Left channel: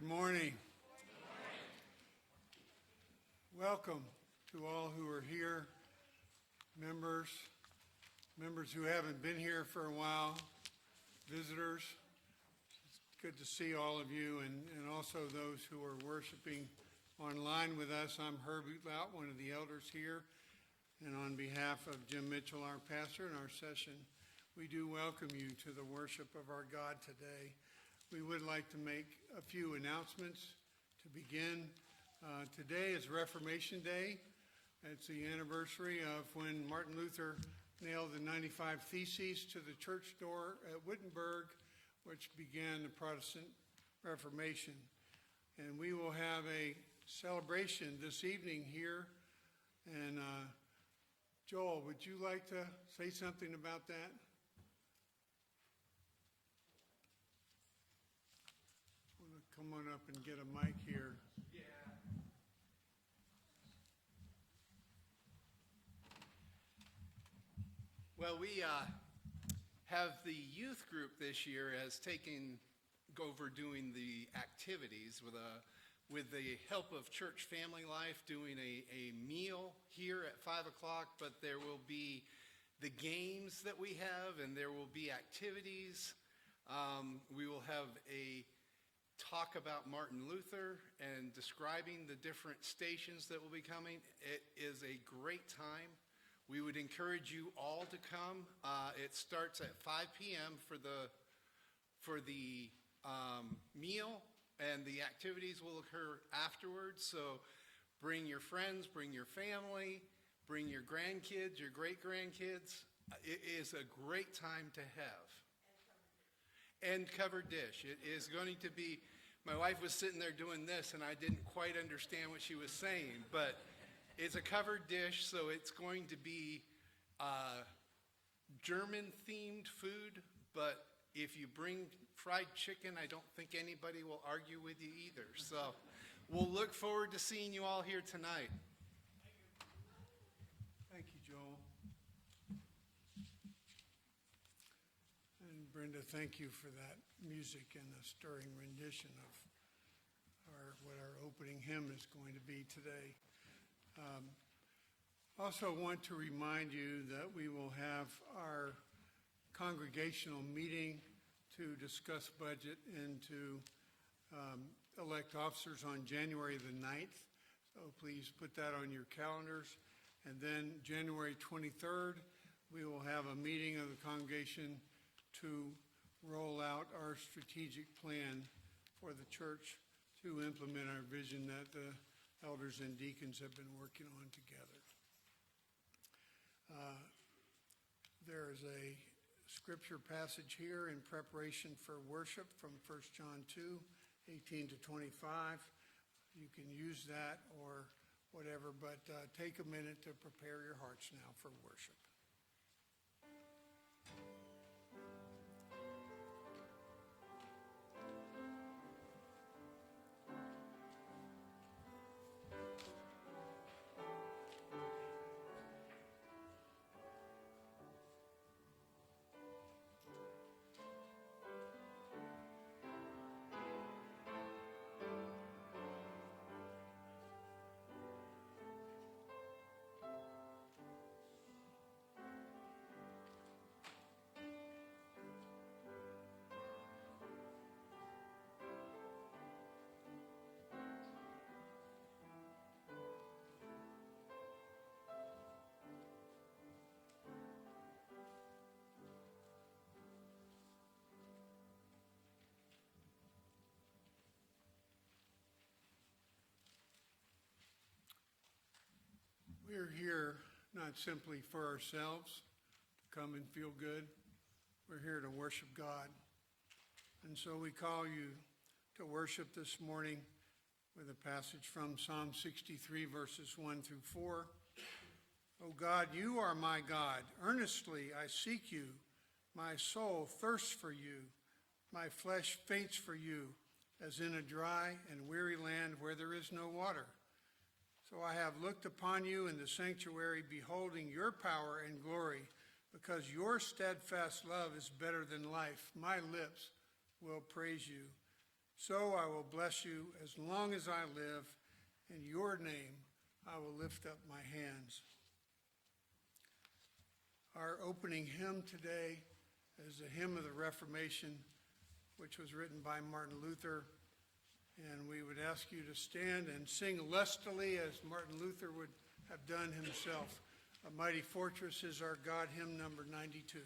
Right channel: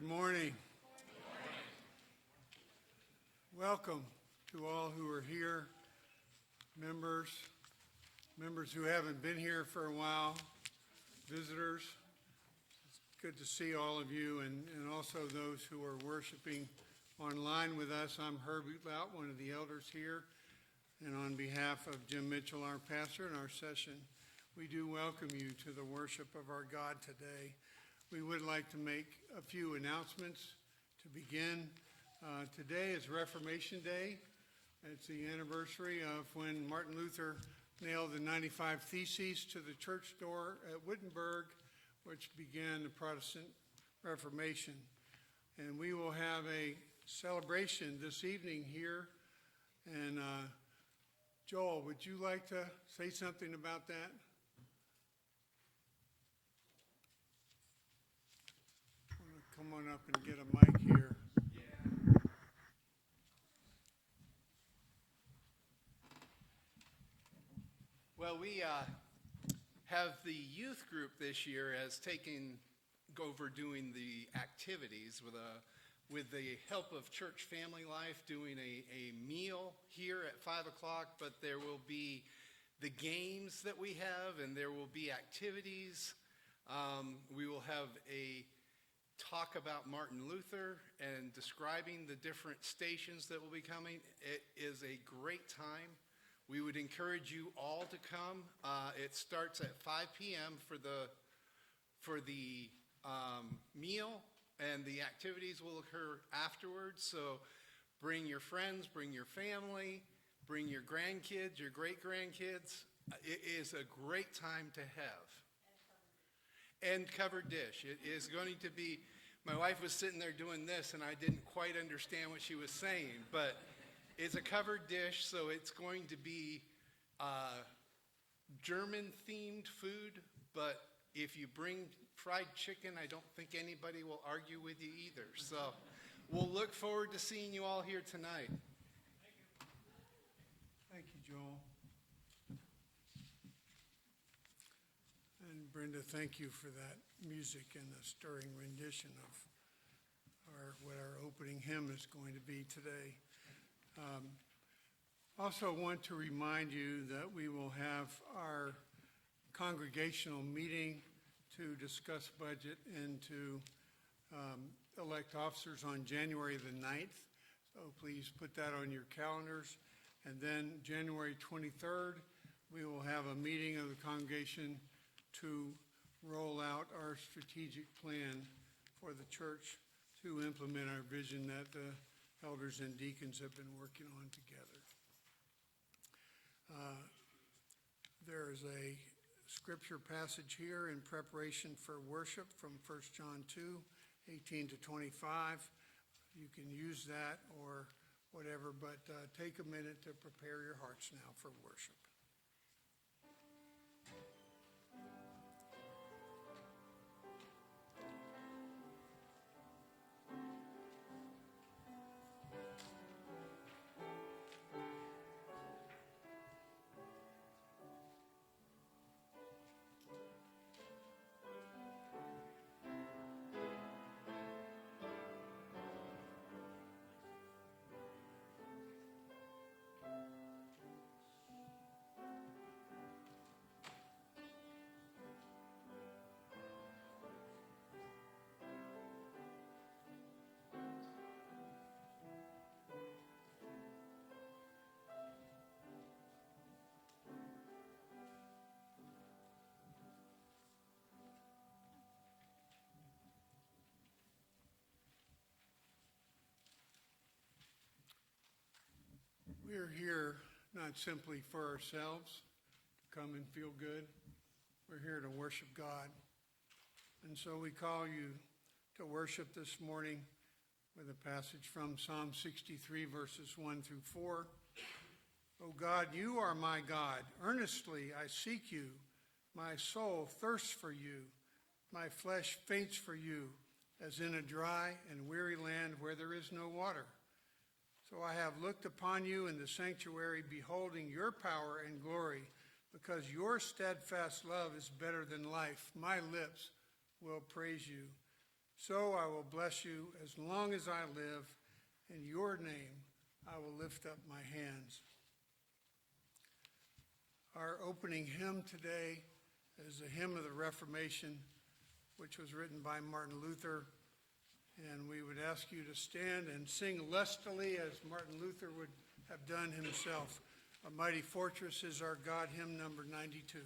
Good morning. Welcome to all who are here, members who haven't been here for a while, visitors. It's good to see all of you, and also those who are worshiping online with us. I'm Herbie Lout, one of the elders here, and on behalf of Jim Mitchell, our pastor, and our session, we do welcome you to the worship of our God today. We would like to make a few announcements to begin. Today is Reformation Day. It's the anniversary of when Martin Luther nailed the 95 Theses to the church door at Wittenberg, which began the Protestant Reformation. And we will have a celebration this evening here. And Joel, would you like to say something about that? Come on up and get a mic here. Well, we have the youth group this year has taken over doing the activities with the help of Church Family Life, doing a meal here at 5 o'clock, but there will be the games that we have, and there will be activities. We will have a talk about Martin Luther and describing the different stations that will be coming. It is a great time. We would encourage you all to come. It starts at 5 p.m. for the meal, and the activities will occur afterwards. So bring your friends, bring your family, bring your grandkids, your great-grandkids. It is a great time to have. And covered dish. It is going to be, my wife was sitting there doing this, and I didn't quite understand what she was saying, but it's a covered dish, so it's going to be German-themed food, but if you bring fried chicken, I don't think anybody will argue with you either. So we'll look forward to seeing you all here tonight. Thank you, Joel. And Brenda, thank you for that music and the stirring rendition of what our opening hymn is going to be today. Also want to remind you that we will have our congregational meeting to discuss budget and to elect officers on January the 9th. So please put that on your calendars. And then January 23rd, we will have a meeting of the congregation to roll out our strategic plan for the church to implement our vision that the elders and deacons have been working on together. There is a scripture passage here in preparation for worship from 1 John 2, 18 to 25. You can use that or whatever, but take a minute to prepare your hearts now for worship. We are here not simply for ourselves, to come and feel good. We're here to worship God. And so we call you to worship this morning with a passage from Psalm 63, verses 1 through 4. O God, you are my God. Earnestly I seek you. My soul thirsts for you. My flesh faints for you, as in a dry and weary land where there is no water. So I have looked upon you in the sanctuary, beholding your power and glory, because your steadfast love is better than life. My lips will praise you. So I will bless you as long as I live. In your name I will lift up my hands. Our opening hymn today is a hymn of the Reformation, which was written by Martin Luther. And we would ask you to stand and sing lustily as Martin Luther would have done himself. A Mighty Fortress is Our God, hymn number 92.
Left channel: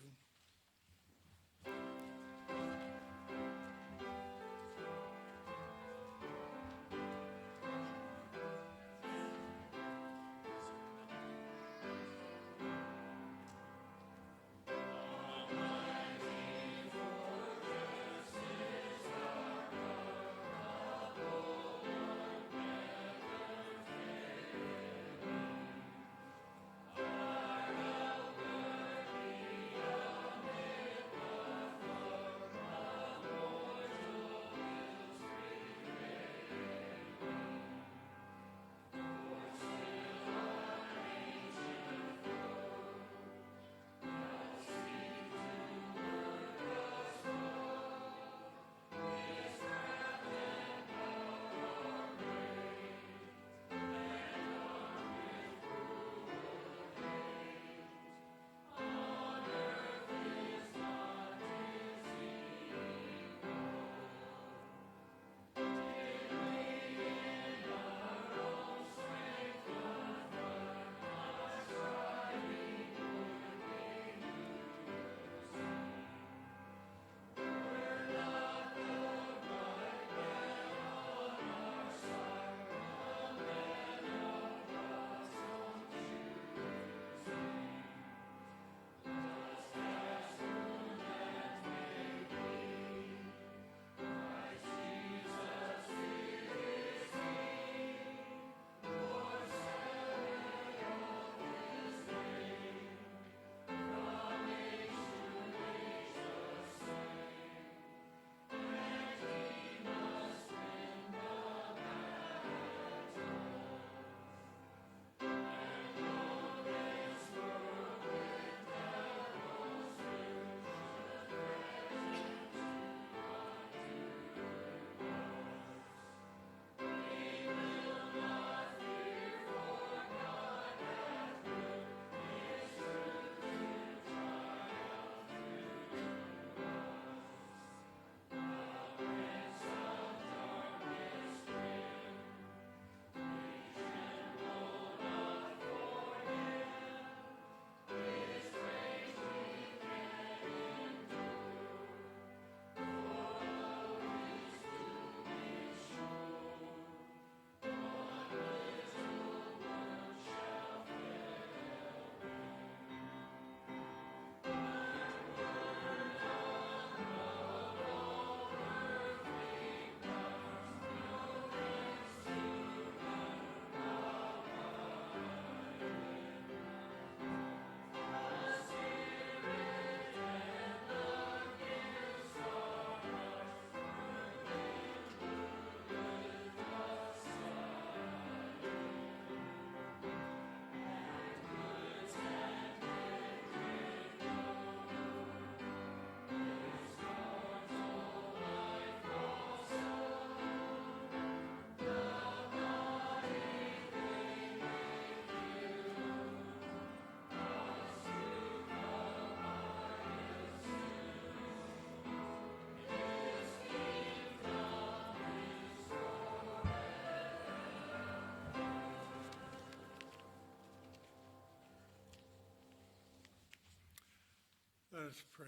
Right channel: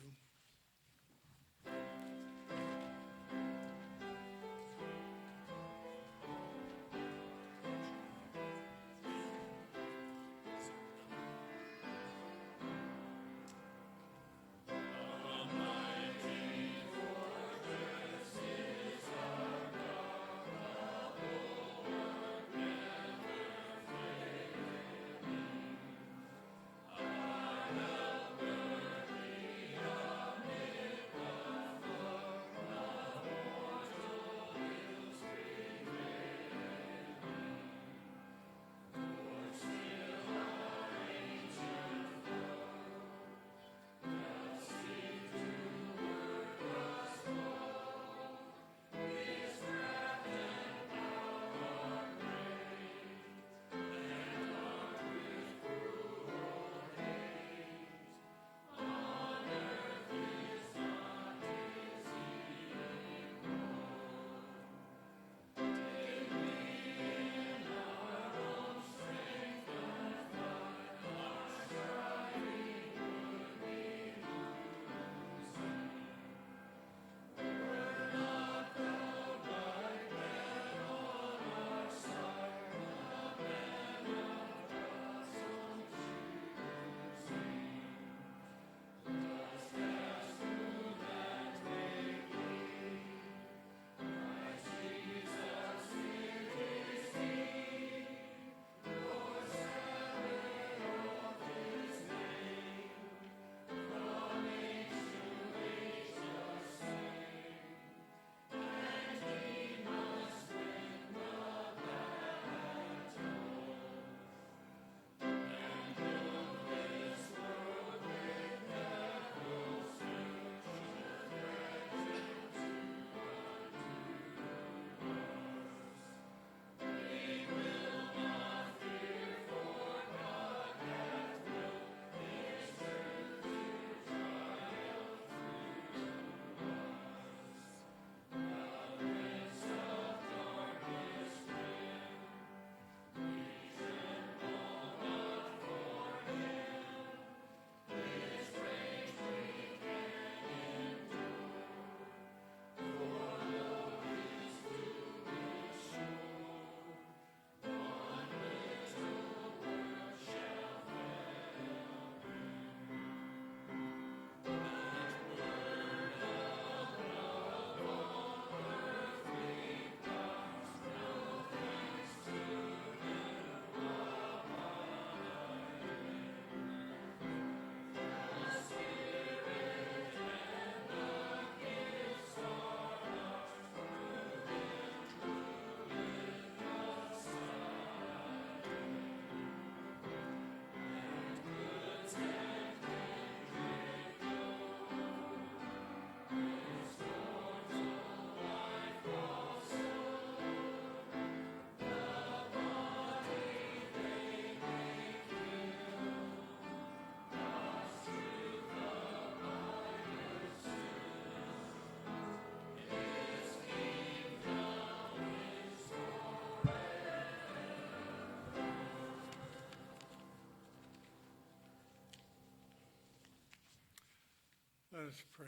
Let us pray.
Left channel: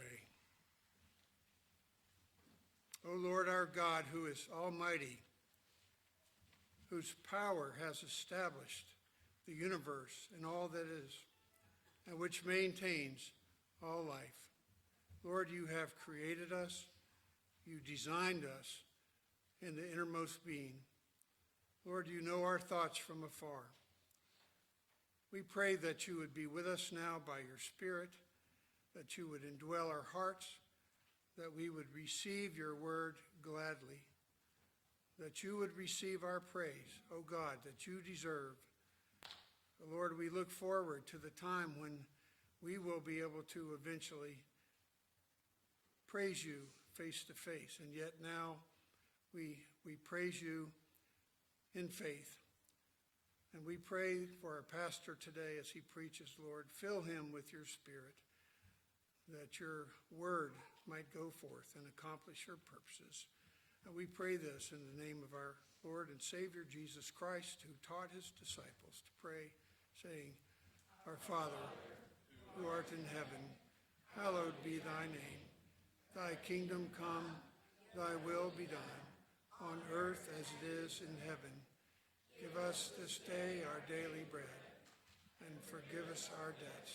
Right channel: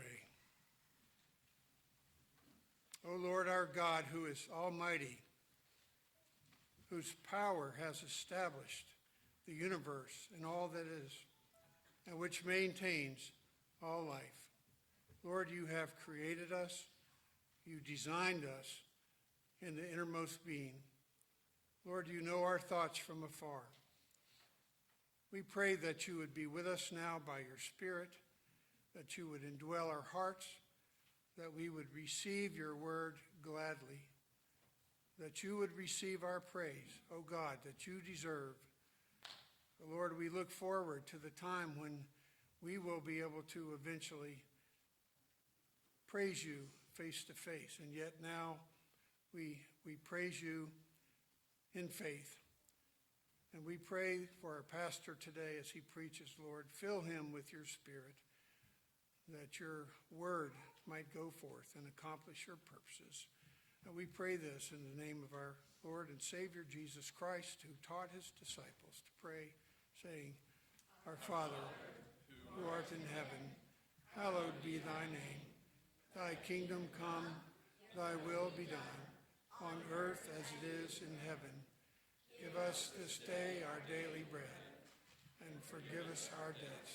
O Lord our God, who is almighty, whose power has established the universe and all that is, and which maintains all life. Lord, you have created us. You designed us in the innermost being. Lord, you know our thoughts from afar. We pray that you would be with us now by your Spirit, that you would indwell our hearts, that we would receive your word gladly, that you would receive our praise, O God, that you deserve. Lord, we look forward to the time when we will be able to eventually praise you face to face, and yet now we praise you in faith. And we pray for our pastor today as he preaches, Lord. Fill him with your Spirit, that your word might go forth and accomplish your purposes. And we pray this in the name of our Lord and Savior, Jesus Christ, who taught his disciples to pray, saying, Our Father, who art in heaven, hallowed be thy name. Thy kingdom come, thy will be done, on earth as it is in heaven. Give us this day our daily bread, and forgive us our debts,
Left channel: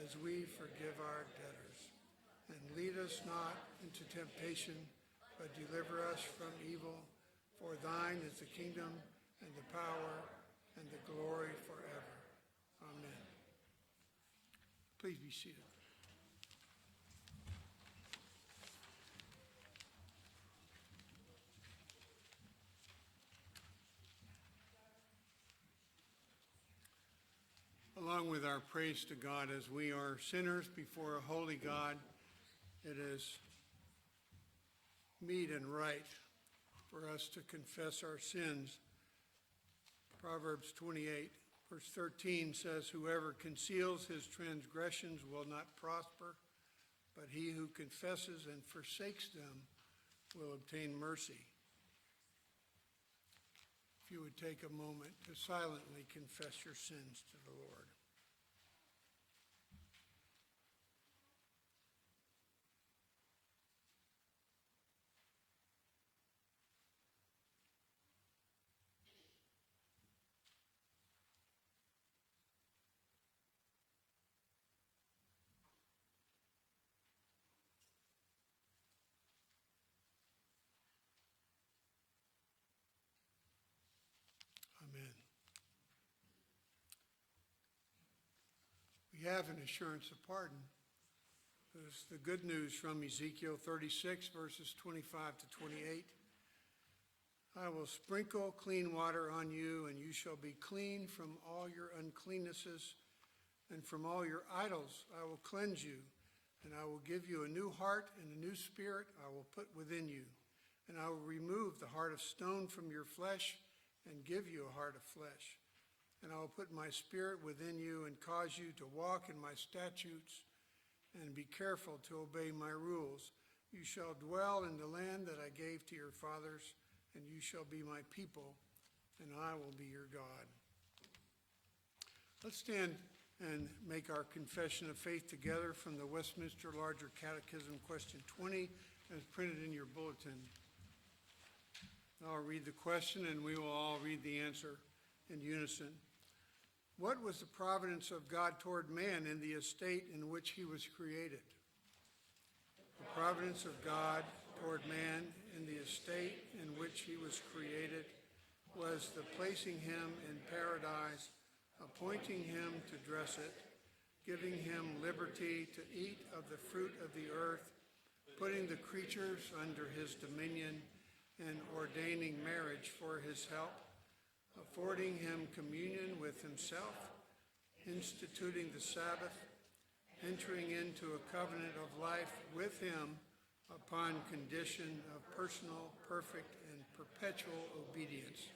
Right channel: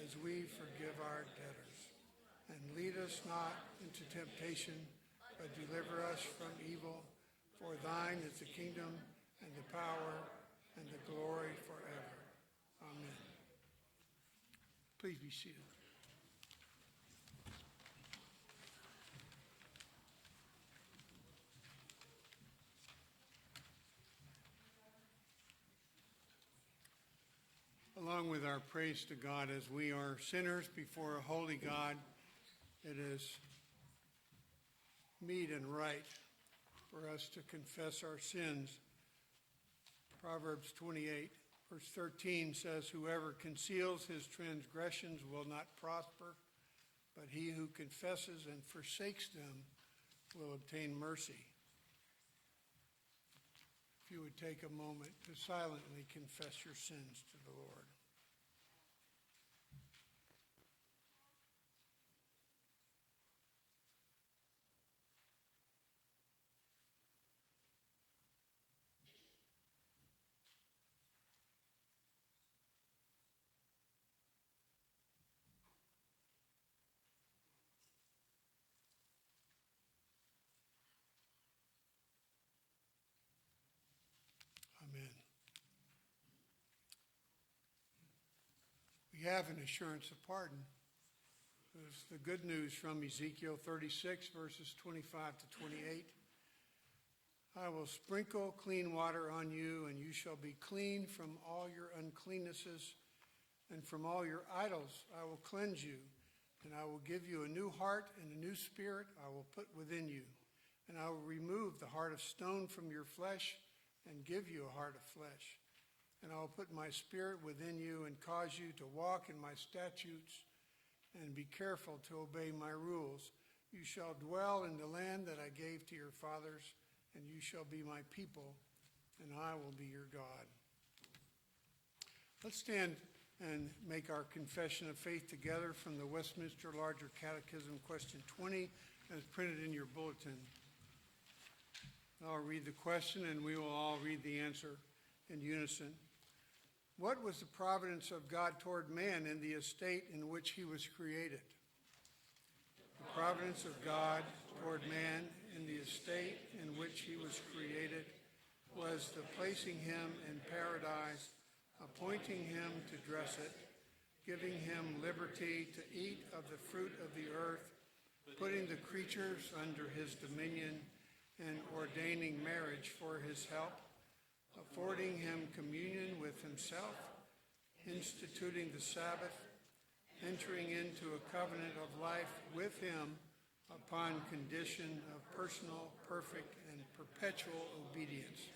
as we forgive our debtors. And lead us not into temptation, but deliver us from evil. For thine is the kingdom, and the power, and the glory forever. Amen. Please be seated. Along with our praise to God, as we are sinners before a holy God, it is meet and right for us to confess our sins. Proverbs 28, verse 13 says, Whoever conceals his transgressions will not prosper, but he who confesses and forsakes them will obtain mercy. If you would take a moment to silently confess your sins to the Lord. Amen. We have an assurance of pardon. There's the good news from Ezekiel 36, verses 25 to 28. I will sprinkle clean water on you, and you shall be clean from all your uncleannesses, and from all your idols I will cleanse you, and I will give you a new heart, and a new spirit I will put within you. And I will remove the heart of stone from your flesh, and give you a heart of flesh. And I will put my spirit within you, and cause you to walk in my statutes, and be careful to obey my rules. You shall dwell in the land that I gave to your fathers, and you shall be my people, and I will be your God. Let's stand and make our confession of faith together from the Westminster Larger Catechism, question 20, as printed in your bulletin. I'll read the question, and we will all read the answer in unison. What was the providence of God toward man in the estate in which he was created? The providence of God toward man in the estate in which he was created was the placing him in paradise, appointing him to dress it, giving him liberty to eat of the fruit of the earth, putting the creatures under his dominion, and ordaining marriage for his help, affording him communion with himself, instituting the Sabbath, entering into a covenant of life with him upon condition of personal, perfect, and perpetual obedience,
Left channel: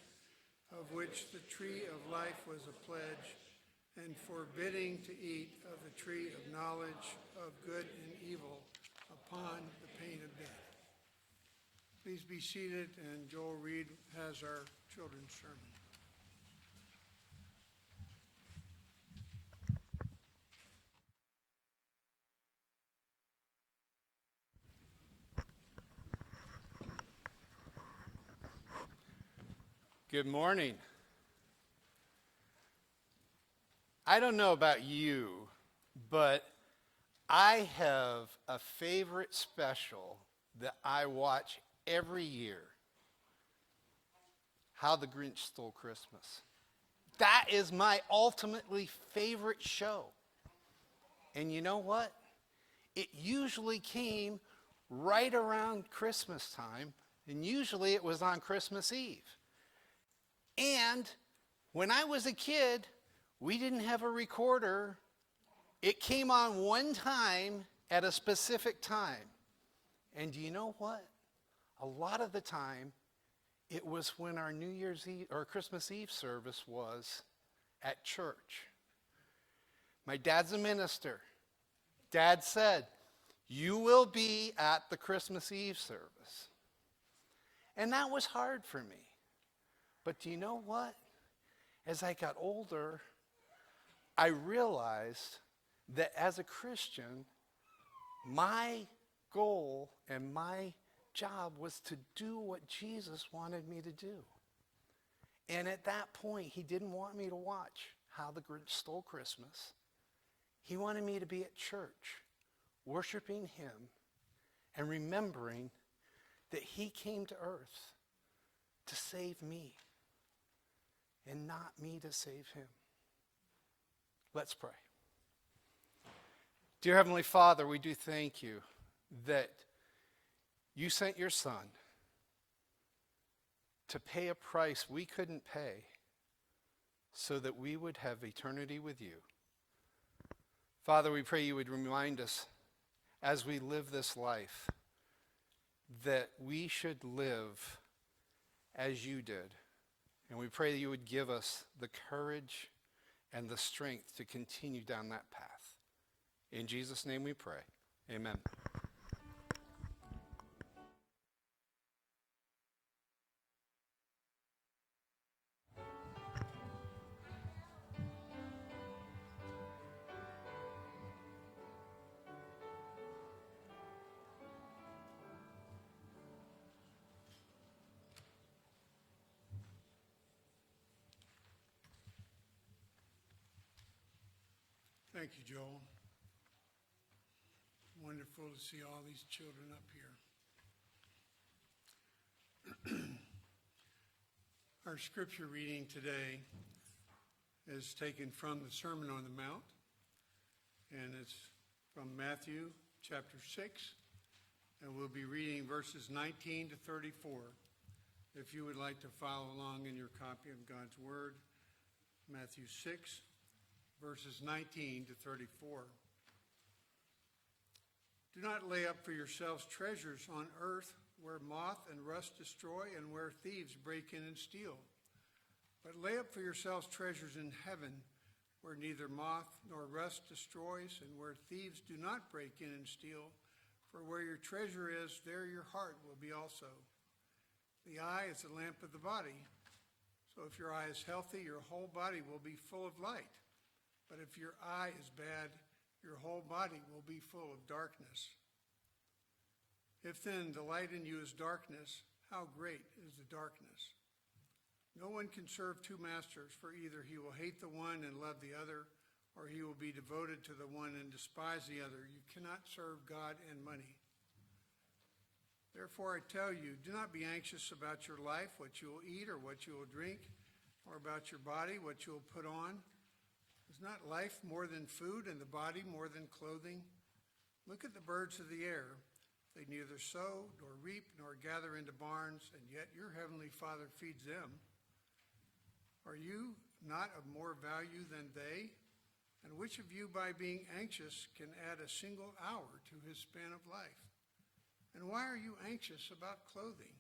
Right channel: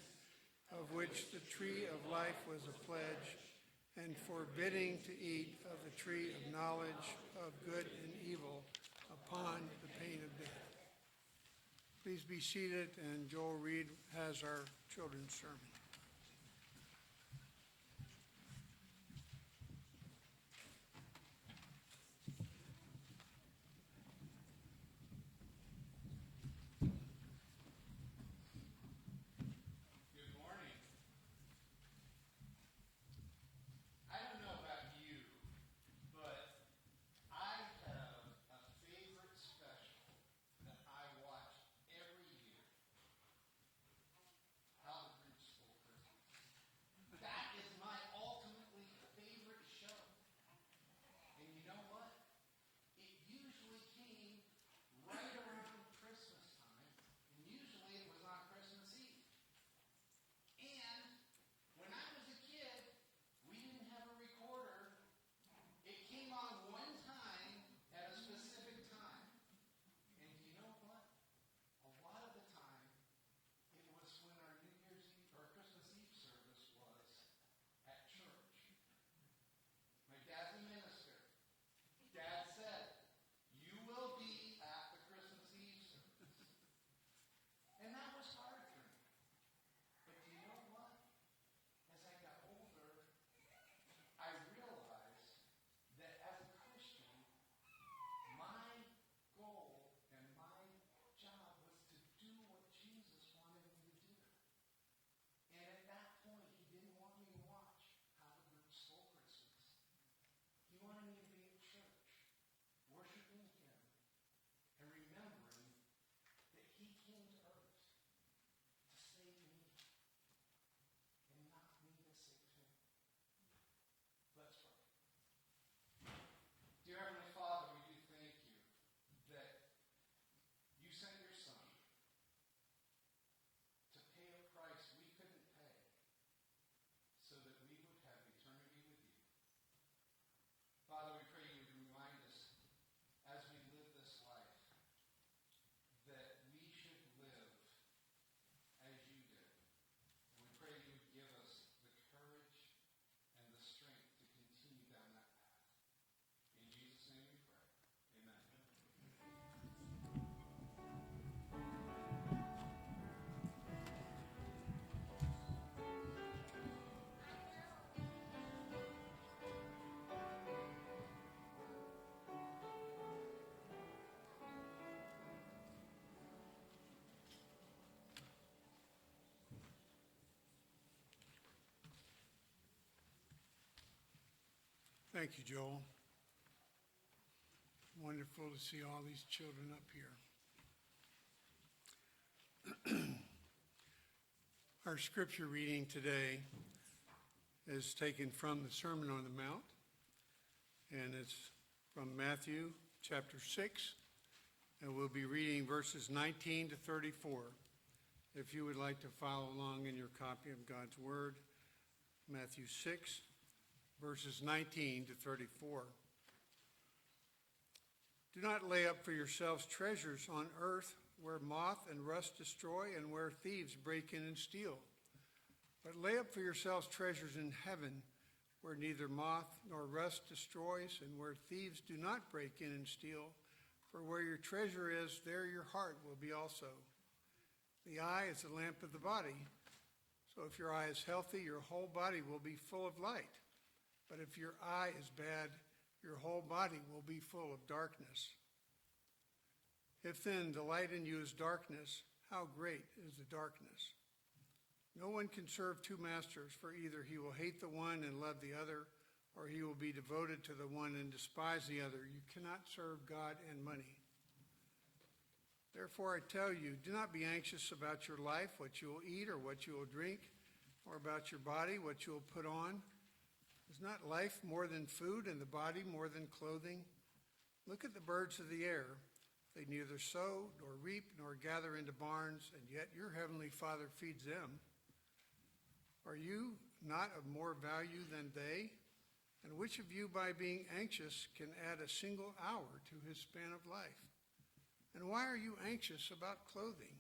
of which the tree of life was a pledge, and forbidding to eat of the tree of knowledge of good and evil upon the pain of death. Please be seated, and Joel Reed has our children's sermon. Good morning. I don't know about you, but I have a favorite special that I watch every year. How the Grinch Stole Christmas. That is my ultimately favorite show. And you know what? It usually came right around Christmas time, and usually it was on Christmas Eve. And when I was a kid, we didn't have a recorder. It came on one time at a specific time. And do you know what? A lot of the time, It was when our New Year's Eve or Christmas Eve service was at church. My dad's a minister. Dad said, "You will be at the Christmas Eve service." And that was hard for me. But do you know what? As I got older, I realized that as a Christian, my goal and my job was to do what Jesus wanted me to do. And at that point, he didn't want me to watch How the Grinch Stole Christmas. He wanted me to be at church, worshiping him and remembering that he came to earth to save me and not me to save him. Let's pray. Dear Heavenly Father, we do thank you that you sent your Son to pay a price we couldn't pay so that we would have eternity with you. Father, we pray you would remind us as we live this life that we should live as you did. And we pray that you would give us the courage and the strength to continue down that path. In Jesus' name we pray. Amen. Thank you, Joel. Wonderful to see all these children up here. Our scripture reading today is taken from the Sermon on the Mount, and it's from Matthew chapter 6, and we'll be reading verses 19 to 34. If you would like to follow along in your copy of God's Word, Matthew 6, verses 19 to 34. Do not lay up for yourselves treasures on earth where moth and rust destroy and where thieves break in and steal. But lay up for yourselves treasures in heaven where neither moth nor rust destroys and where thieves do not break in and steal. For where your treasure is, there your heart will be also. The eye is the lamp of the body. So if your eye is healthy, your whole body will be full of light. But if your eye is bad, your whole body will be full of darkness. If then the light in you is darkness, how great is the darkness? No one can serve two masters, for either he will hate the one and love the other, or he will be devoted to the one and despise the other. You cannot serve God and money. Therefore I tell you, do not be anxious about your life, what you will eat or what you will drink, or about your body, what you will put on. Is not life more than food and the body more than clothing? Look at the birds of the air. They neither sow nor reap nor gather into barns, and yet your heavenly Father feeds them. Are you not of more value than they? And which of you, by being anxious, can add a single hour to his span of life? And why are you anxious about clothing?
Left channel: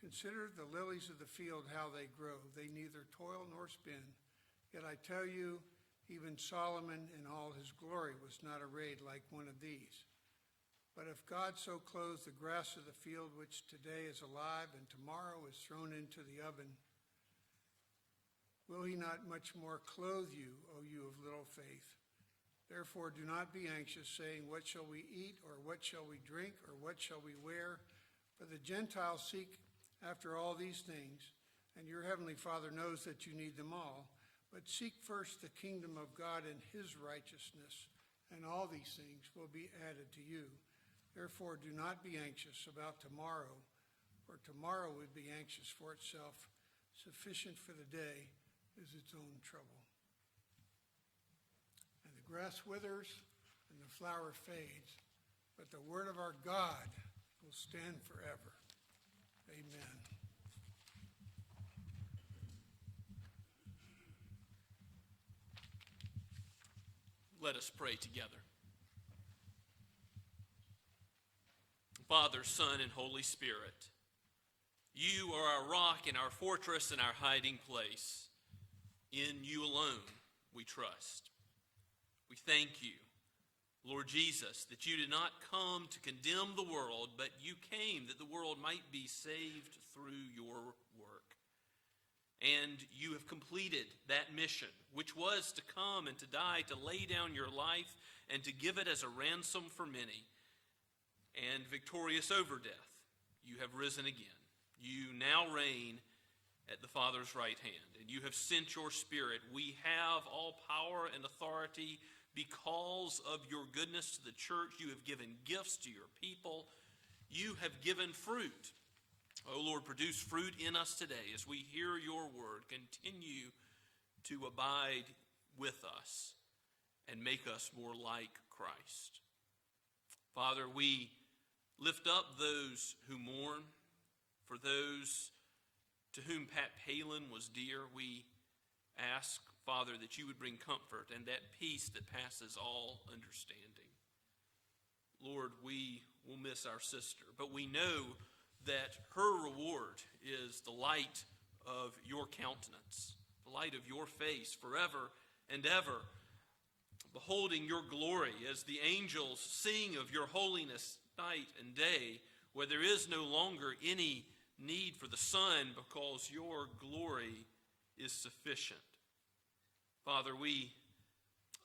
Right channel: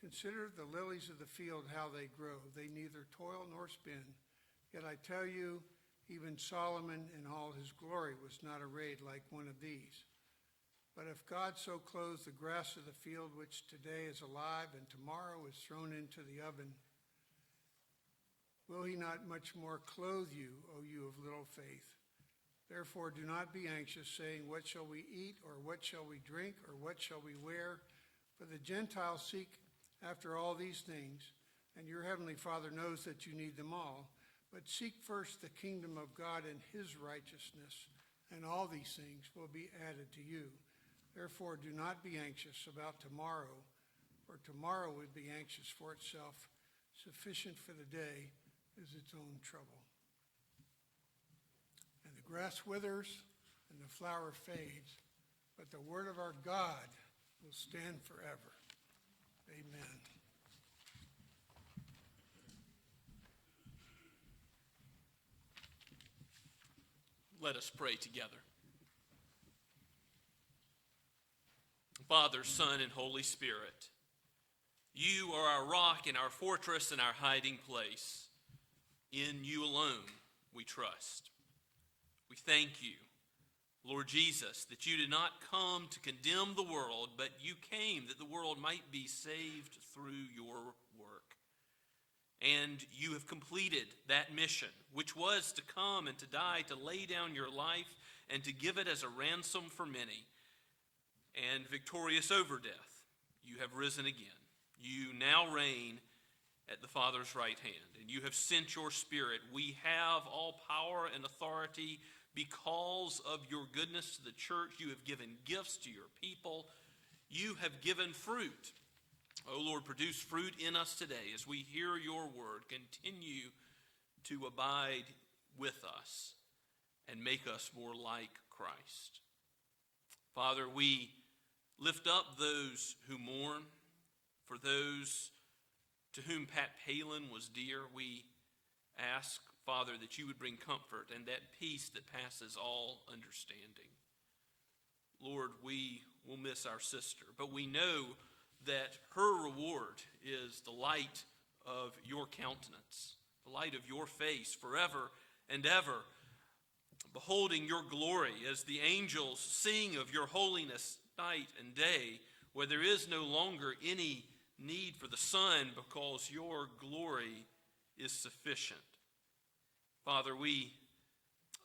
Consider the lilies of the field, how they grow. They neither toil nor spin. Yet I tell you, even Solomon in all his glory was not arrayed like one of these. But if God so clothes the grass of the field, which today is alive and tomorrow is thrown into the oven, will he not much more clothe you, O you of little faith? Therefore do not be anxious, saying, what shall we eat, or what shall we drink, or what shall we wear? For the Gentiles seek after all these things, and your heavenly Father knows that you need them all. But seek first the kingdom of God and his righteousness, and all these things will be added to you. Therefore, do not be anxious about tomorrow, for tomorrow would be anxious for itself. Sufficient for the day is its own trouble. And the grass withers and the flower fades, but the word of our God will stand forever. Amen. Let us pray together. Father, Son, and Holy Spirit, You are our rock and our fortress and our hiding place. In you alone we trust. We thank you, Lord Jesus, that you did not come to condemn the world, but you came that the world might be saved through your work. And you have completed that mission, which was to come and to die, to lay down your life, and to give it as a ransom for many. And victorious over death, you have risen again. You now reign at the Father's right hand, and you have sent your Spirit. We have all power and authority because of your goodness to the church. You have given gifts to your people. You have given fruit. Oh Lord, produce fruit in us today as we hear your word. Continue to abide with us and make us more like Christ. Father, we lift up those who mourn. For those to whom Pat Palin was dear, we ask, Father, that you would bring comfort and that peace that passes all understanding. Lord, we will miss our sister, but we know that her reward is the light of your countenance, the light of your face forever and ever, beholding your glory as the angels sing of your holiness night and day, where there is no longer any need for the sun because your glory is sufficient. Father, we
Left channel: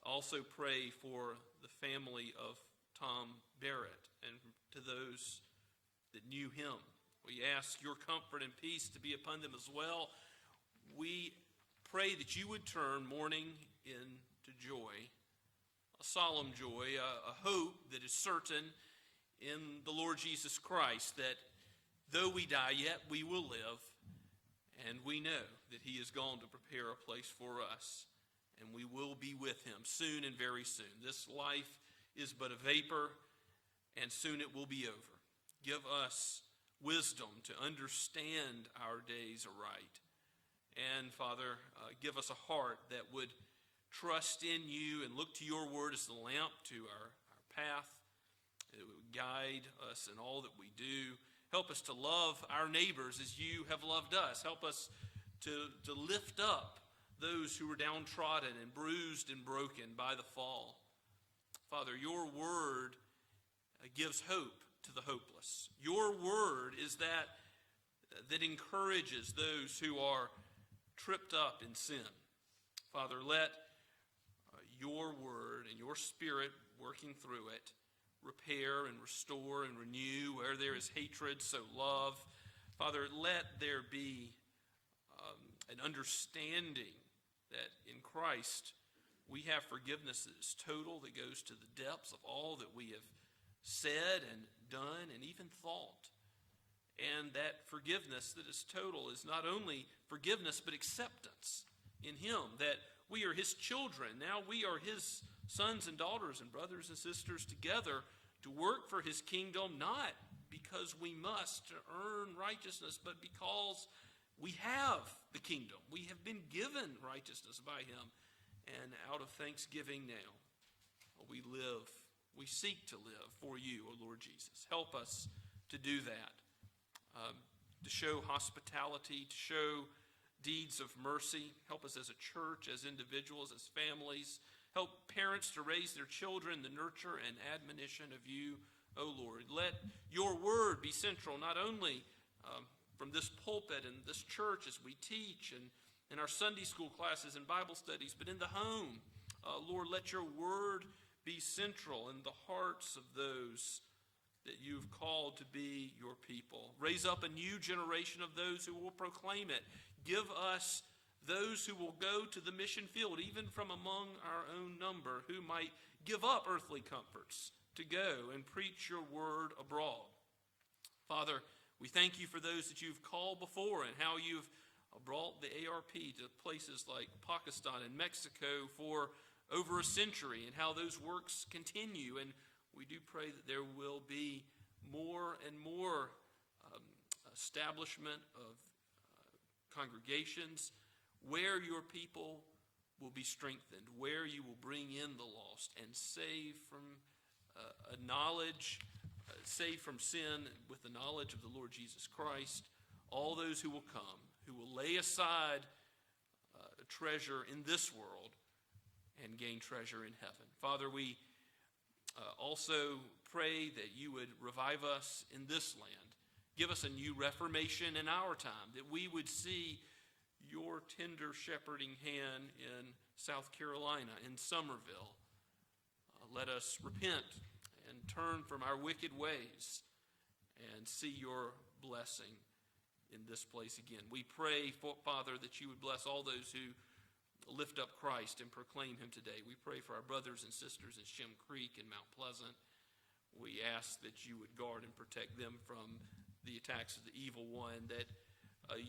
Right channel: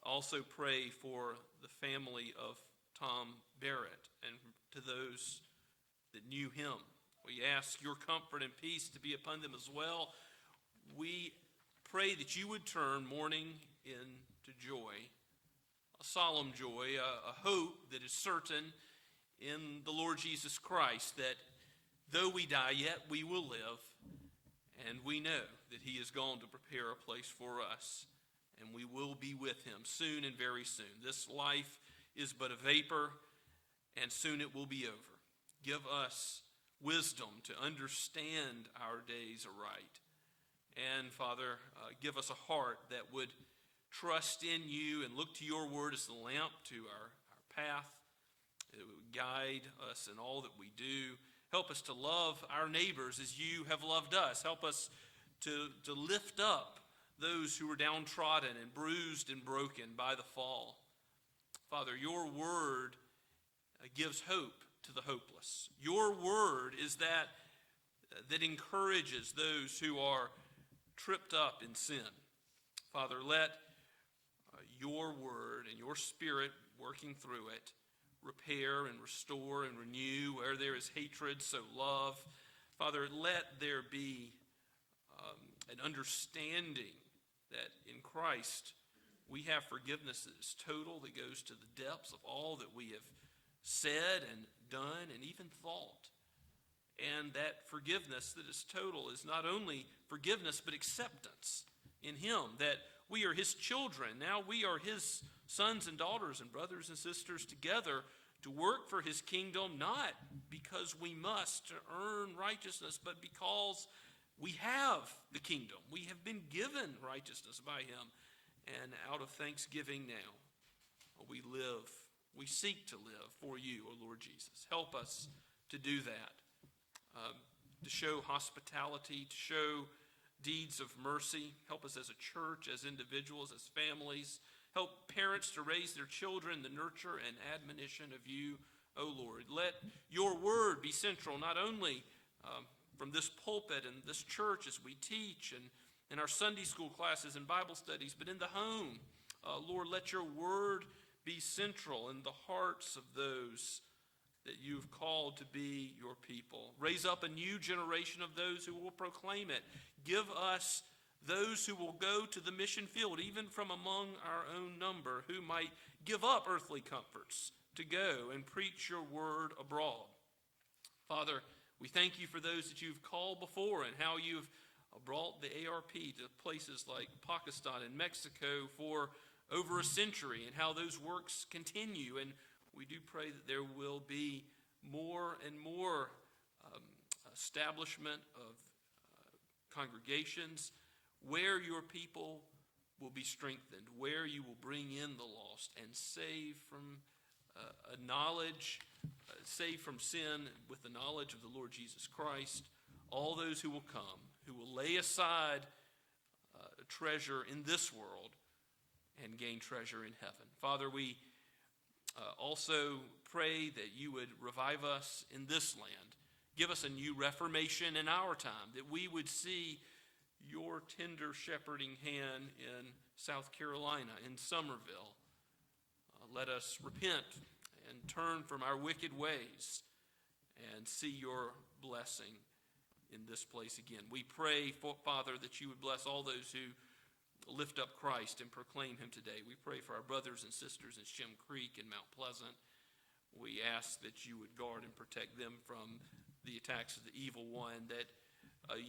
also pray for the family of Tom Barrett and to those that knew him. We ask your comfort and peace to be upon them as well. We pray that you would turn mourning into joy, a solemn joy, a hope that is certain in the Lord Jesus Christ, that though we die, yet we will live, and we know that he is gone to prepare a place for us, and we will be with him soon and very soon. This life is but a vapor, and soon it will be over. Give us wisdom to understand our days aright. And Father, give us a heart that would trust in you and look to your word as the lamp to our path. It would guide us in all that we do. Help us to love our neighbors as you have loved us. Help us to lift up those who are downtrodden and bruised and broken by the fall. Father, your word gives hope to the hopeless. Your word is that encourages those who are tripped up in sin. Father, let your word and your Spirit working through it repair and restore and renew. Where there is hatred, so love. Father, let there be an understanding that in Christ we have forgiveness that is total, that goes to the depths of all that we have said and done and even thought. And that forgiveness that is total is not only forgiveness but acceptance in him, that we are his children. Now we are his sons and daughters and brothers and sisters together to work for his kingdom, not because we must earn righteousness, but because we have the kingdom. We have been given righteousness by him. And out of thanksgiving now, we seek to live for you, O Lord Jesus. Help us to do that, to show hospitality, to show deeds of mercy. Help us as a church, as individuals, as families. Help parents to raise their children, the nurture and admonition of you, O Lord. Let your word be central, not only from this pulpit and this church as we teach and in our Sunday school classes and Bible studies, but in the home. Lord, let your word be central in the hearts of those that you've called to be your people. Raise up a new generation of those who will proclaim it. Give us those who will go to the mission field, even from among our own number, who might give up earthly comforts to go and preach your word abroad. Father, we thank you for those that you've called before and how you've brought the ARP to places like Pakistan and Mexico for over a century, and how those works continue. And we do pray that there will be more and more establishment of congregations where your people will be strengthened, where you will bring in the lost and save from save from sin with the knowledge of the Lord Jesus Christ. all those who will come, who will lay aside treasure in this world and gain treasure in heaven. Father, we also pray that you would revive us in this land. Give us a new reformation in our time, that we would see your tender shepherding hand in South Carolina, in Somerville. Let us repent and turn from our wicked ways and see your blessing in this place again. We pray, Father, that you would bless all those who lift up Christ and proclaim him today. We pray for our brothers and sisters in Shem Creek and Mount Pleasant. We ask that you would guard and protect them from the attacks of the evil one, that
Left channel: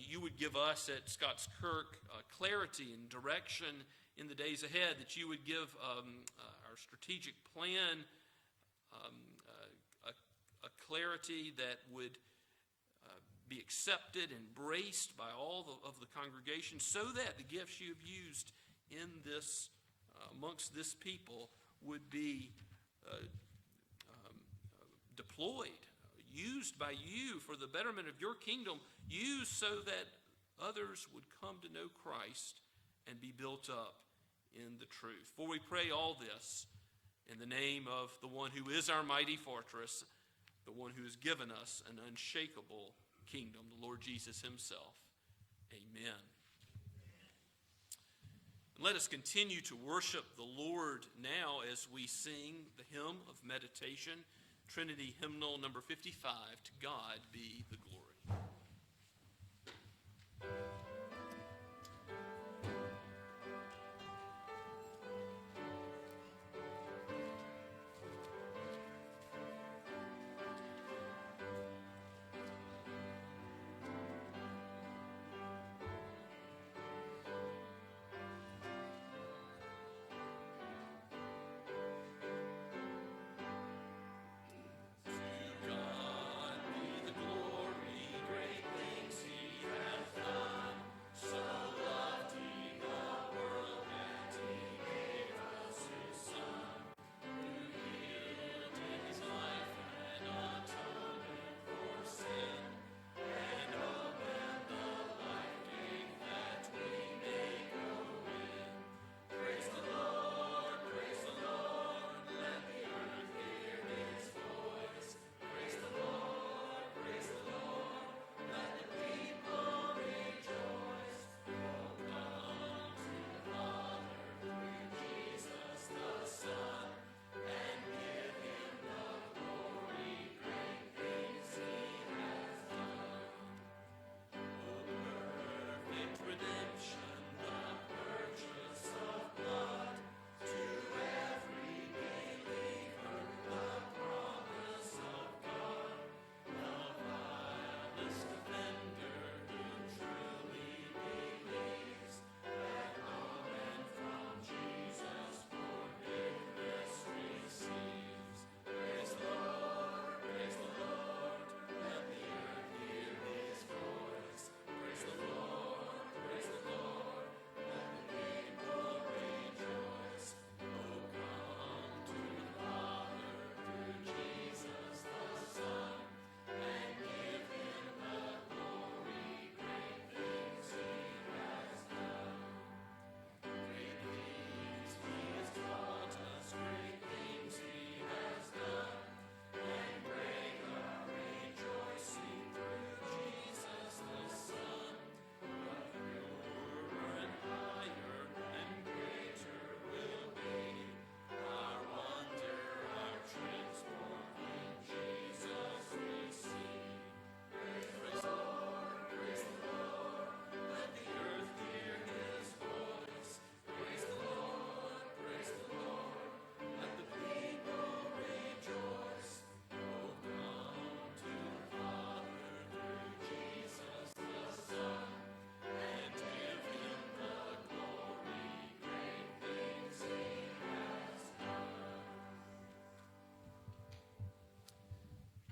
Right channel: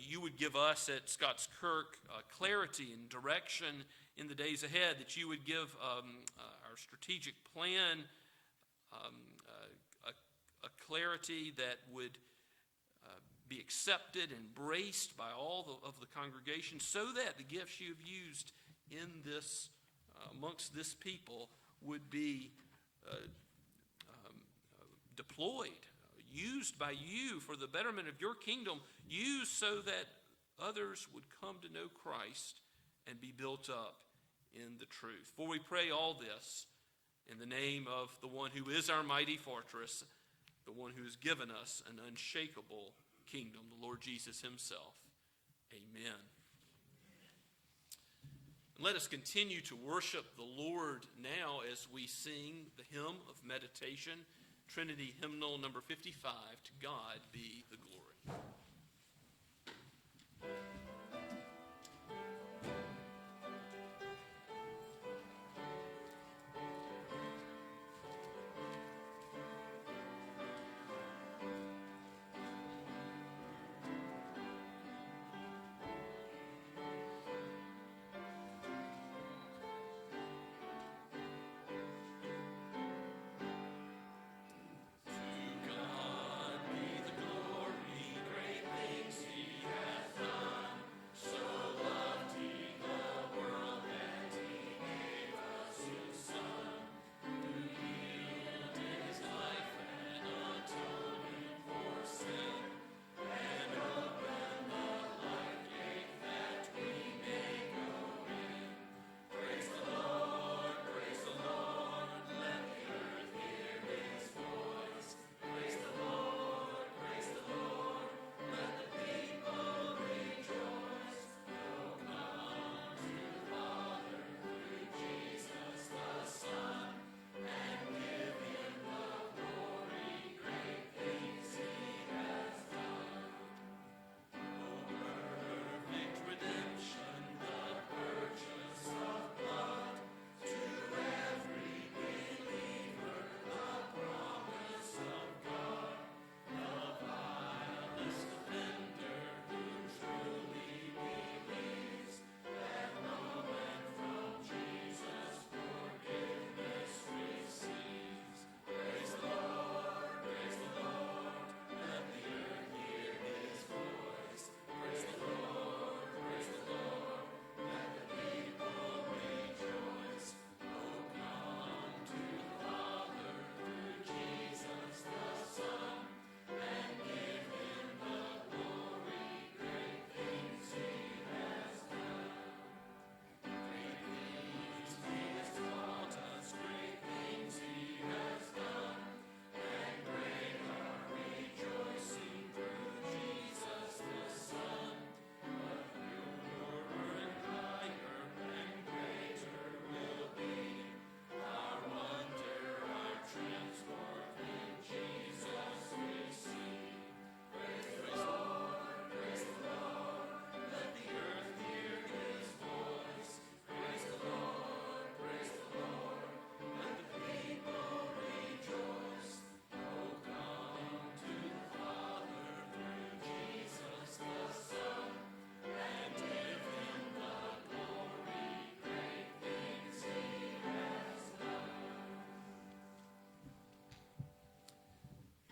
you would give us at Scots Kirk clarity and direction in the days ahead, that you would give our strategic plan a clarity that would be accepted, embraced by all of the congregation, so that the gifts you have used in this, amongst this people, would be deployed, used by you for the betterment of your kingdom, used so that others would come to know Christ and be built up in the truth. For we pray all this in the name of the one who is our mighty fortress, the one who has given us an unshakable kingdom, the Lord Jesus himself. Amen. Let us continue to worship the Lord now as we sing the hymn of meditation, Trinity Hymnal number 55, To God Be the Glory.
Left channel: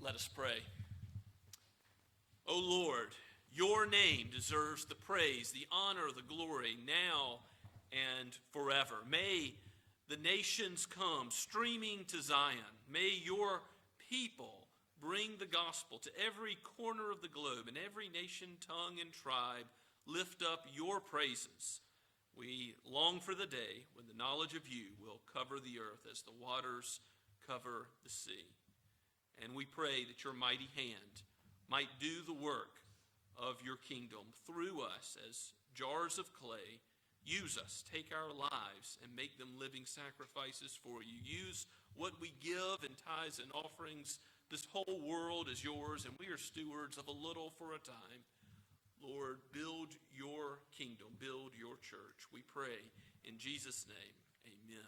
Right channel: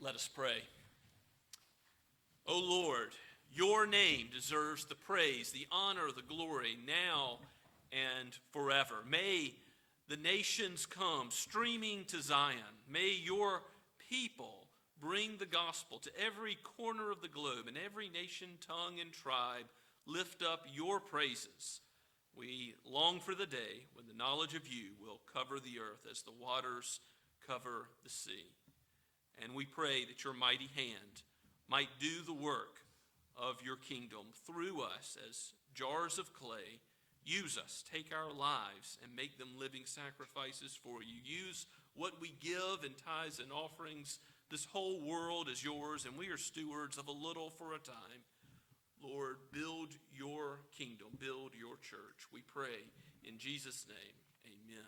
Let us pray. O Lord, your name deserves the praise, the honor, the glory, now and forever. May the nations come streaming to Zion. May your people bring the gospel to every corner of the globe, and every nation, tongue, and tribe lift up your praises. We long for the day when the knowledge of you will cover the earth as the waters cover the sea. And we pray that your mighty hand might do the work of your kingdom through us as jars of clay. Use us, take our lives, and make them living sacrifices for you. Use what we give in tithes and offerings. This whole world is yours, and we are stewards of a little for a time. Lord, build your kingdom, build your church. We pray in Jesus' name, amen.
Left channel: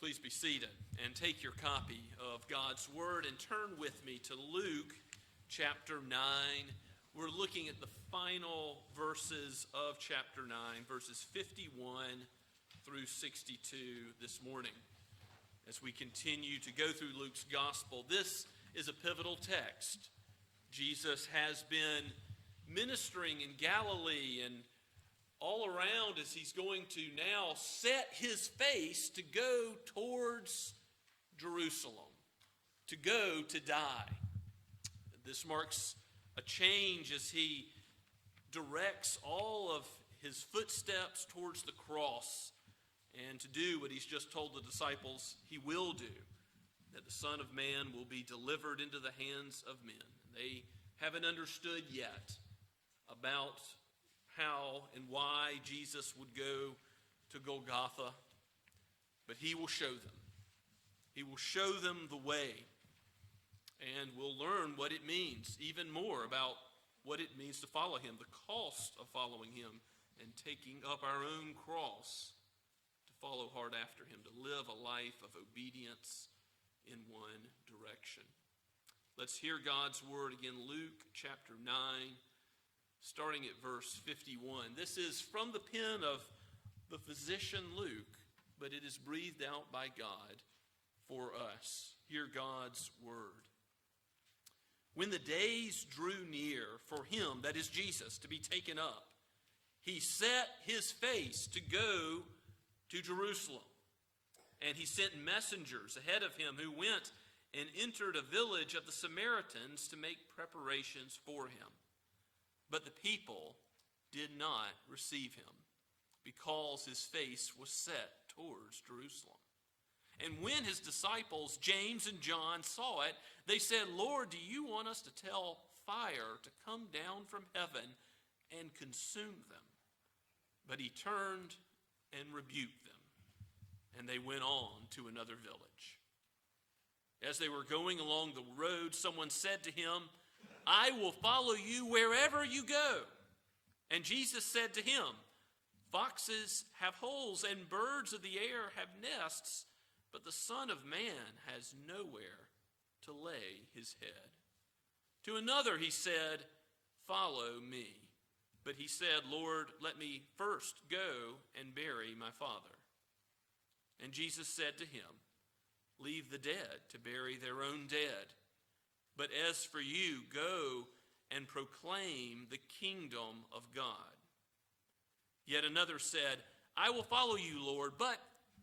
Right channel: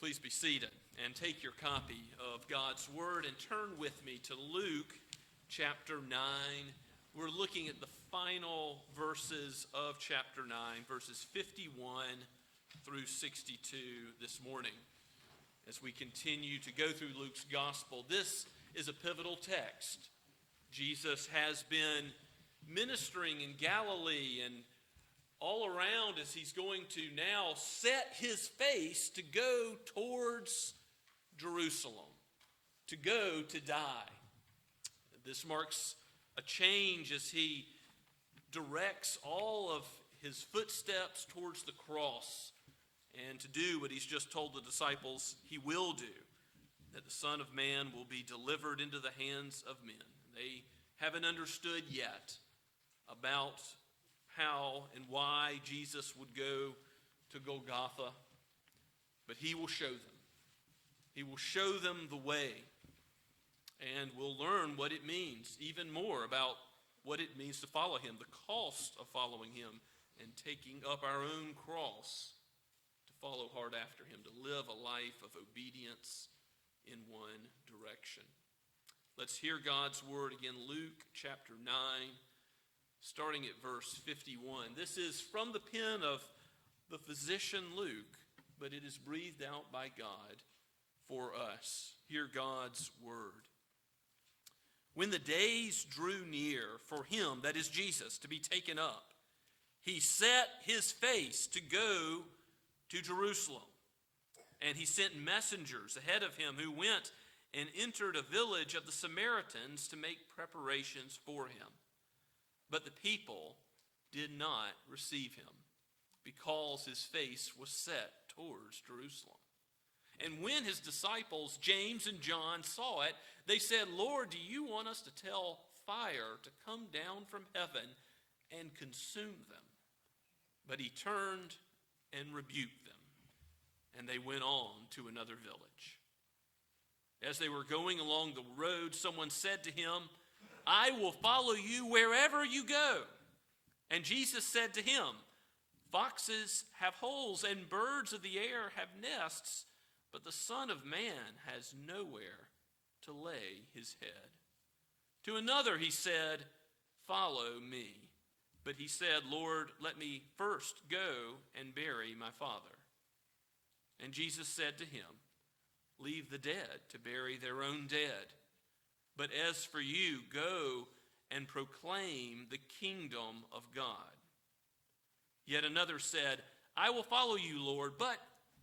Please be seated and take your copy of God's Word and turn with me to Luke chapter 9. We're looking at the final verses of chapter 9, verses 51 through 62 this morning. As we continue to go through Luke's gospel, this is a pivotal text. Jesus has been ministering in Galilee and all around as he's going to now set his face to go towards Jerusalem, to go to die. This marks a change as he directs all of his footsteps towards the cross and to do what he's just told the disciples he will do, that the Son of Man will be delivered into the hands of men. And they haven't understood yet about how and why Jesus would go to Golgotha, but he will show them. He will show them the way, and we'll learn what it means, even more about what it means to follow him, the cost of following him, and taking up our own cross to follow hard after him, to live a life of obedience in one direction. Let's hear God's word again, Luke chapter 9, starting at verse 51. This is from the pen of the physician Luke, but it is breathed out by God for us. Hear God's word. When the days drew near for him, that is Jesus, to be taken up, he set his face to go to Jerusalem. And he sent messengers ahead of him who went and entered a village of the Samaritans to make preparations for him. But the people did not receive him, because his face was set towards Jerusalem. And when his disciples, James and John, saw it, they said, "Lord, do you want us to tell fire to come down from heaven and consume them?" But he turned and rebuked them, and they went on to another village. As they were going along the road, someone said to him, "I will follow you wherever you go." And Jesus said to him, "Foxes have holes and birds of the air have nests, but the Son of Man has nowhere to lay his head." To another he said, "Follow me." But he said, "Lord, let me first go and bury my father." And Jesus said to him, "Leave the dead to bury their own dead. But as for you, go and proclaim the kingdom of God." Yet another said, "I will follow you, Lord, but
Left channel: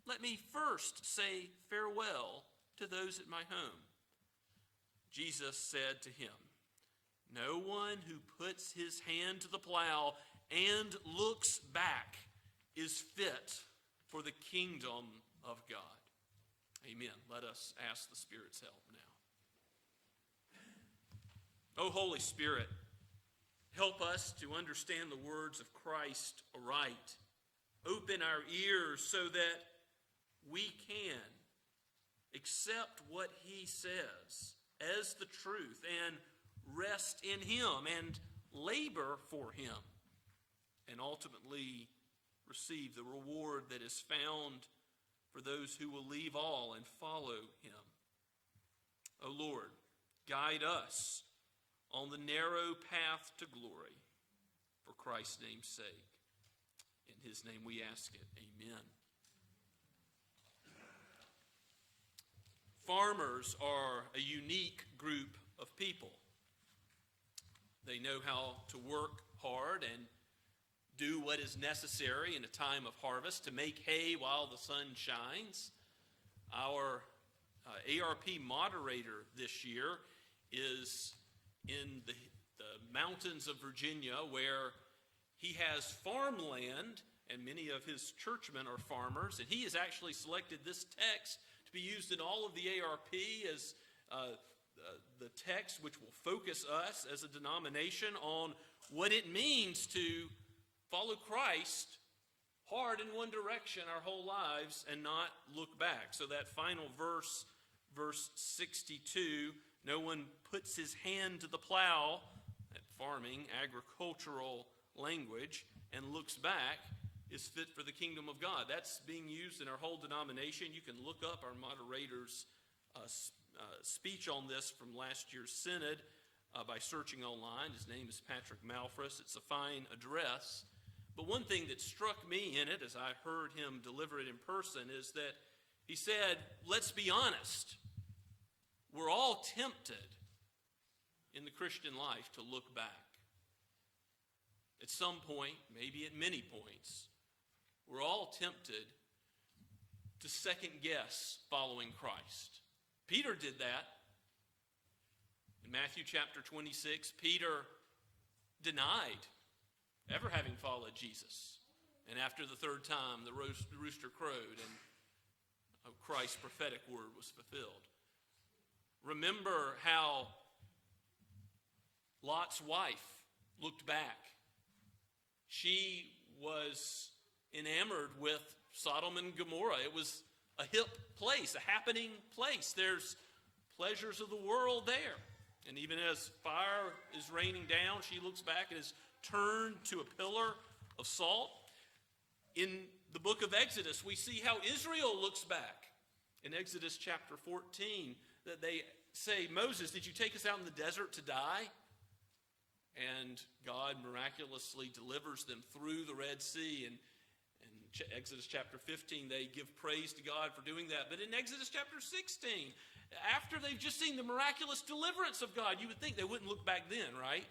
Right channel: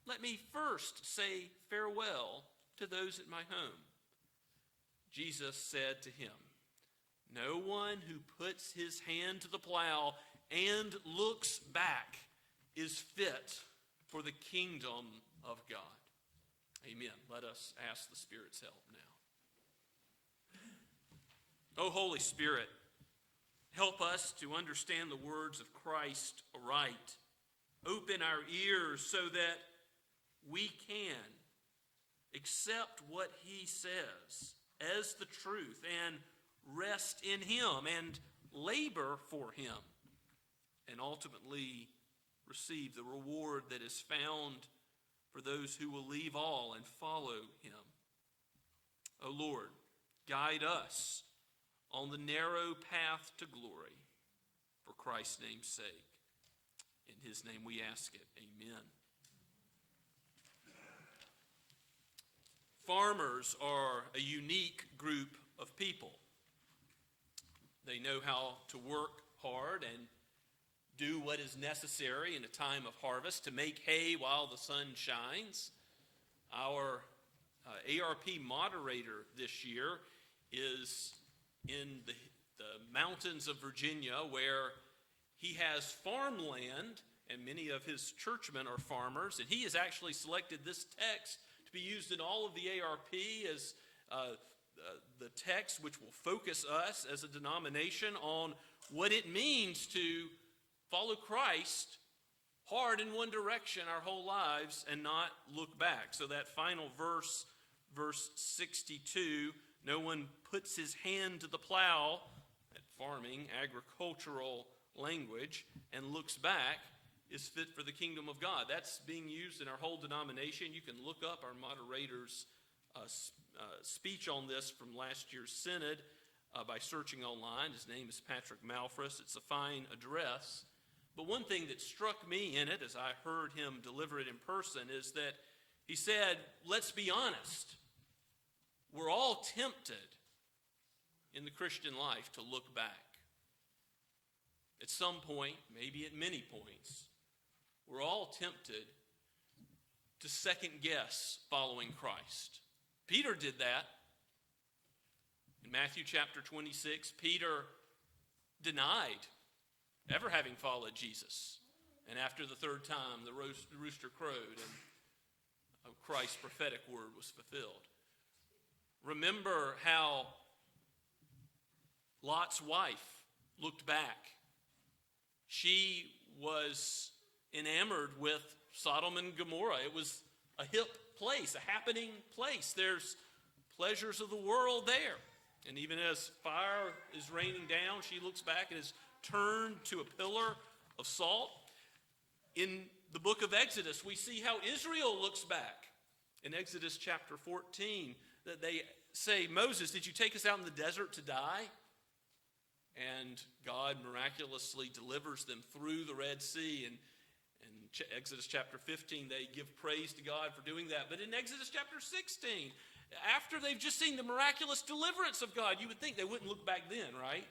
let me first say farewell to those at my home." Jesus said to him, "No one who puts his hand to the plow and looks back is fit for the kingdom of God." Amen. Let us ask the Spirit's help now. Oh, Holy Spirit, help us to understand the words of Christ aright. Open our ears so that we can accept what he says as the truth and rest in him and labor for him and ultimately receive the reward that is found for those who will leave all and follow him. O Lord, guide us on the narrow path to glory, for Christ's name's sake. In his name we ask it. Amen. Farmers are a unique group of people. They know how to work hard and do what is necessary in a time of harvest to make hay while the sun shines. Our ARP moderator this year is in the mountains of Virginia, where he has farmland, and many of his churchmen are farmers, and he has actually selected this text to be used in all of the ARP as the text which will focus us as a denomination on what it means to follow Christ hard in one direction our whole lives and not look back. So that final verse, verse 62, no one puts his hand to the plow, that farming, agricultural language, and looks back, is fit for the kingdom of God. That's being used in our whole denomination. You can look up our moderator's speech on this from last year's synod by searching online. His name is Patrick Malfris. It's a fine address. But one thing that struck me in it as I heard him deliver it in person is that he said, let's be honest. We're all tempted in the Christian life to look back. At some point, maybe at many points, we're all tempted to second guess following Christ. Peter did that. In Matthew chapter 26, Peter denied ever having followed Jesus. And after the third time, the rooster crowed and Christ's prophetic word was fulfilled. Remember how Lot's wife looked back. She was enamored with Sodom and Gomorrah. It was a hip place, a happening place. There's pleasures of the world there. And even as fire is raining down, she looks back and is turned to a pillar of salt. In the book of Exodus, we see how Israel looks back. In Exodus chapter 14, that they say, Moses, did you take us out in the desert to die? And God miraculously delivers them through the Red Sea. And in Exodus chapter 15, they give praise to God for doing that. But in Exodus chapter 16, after they've just seen the miraculous deliverance of God, you would think they wouldn't look back then, right?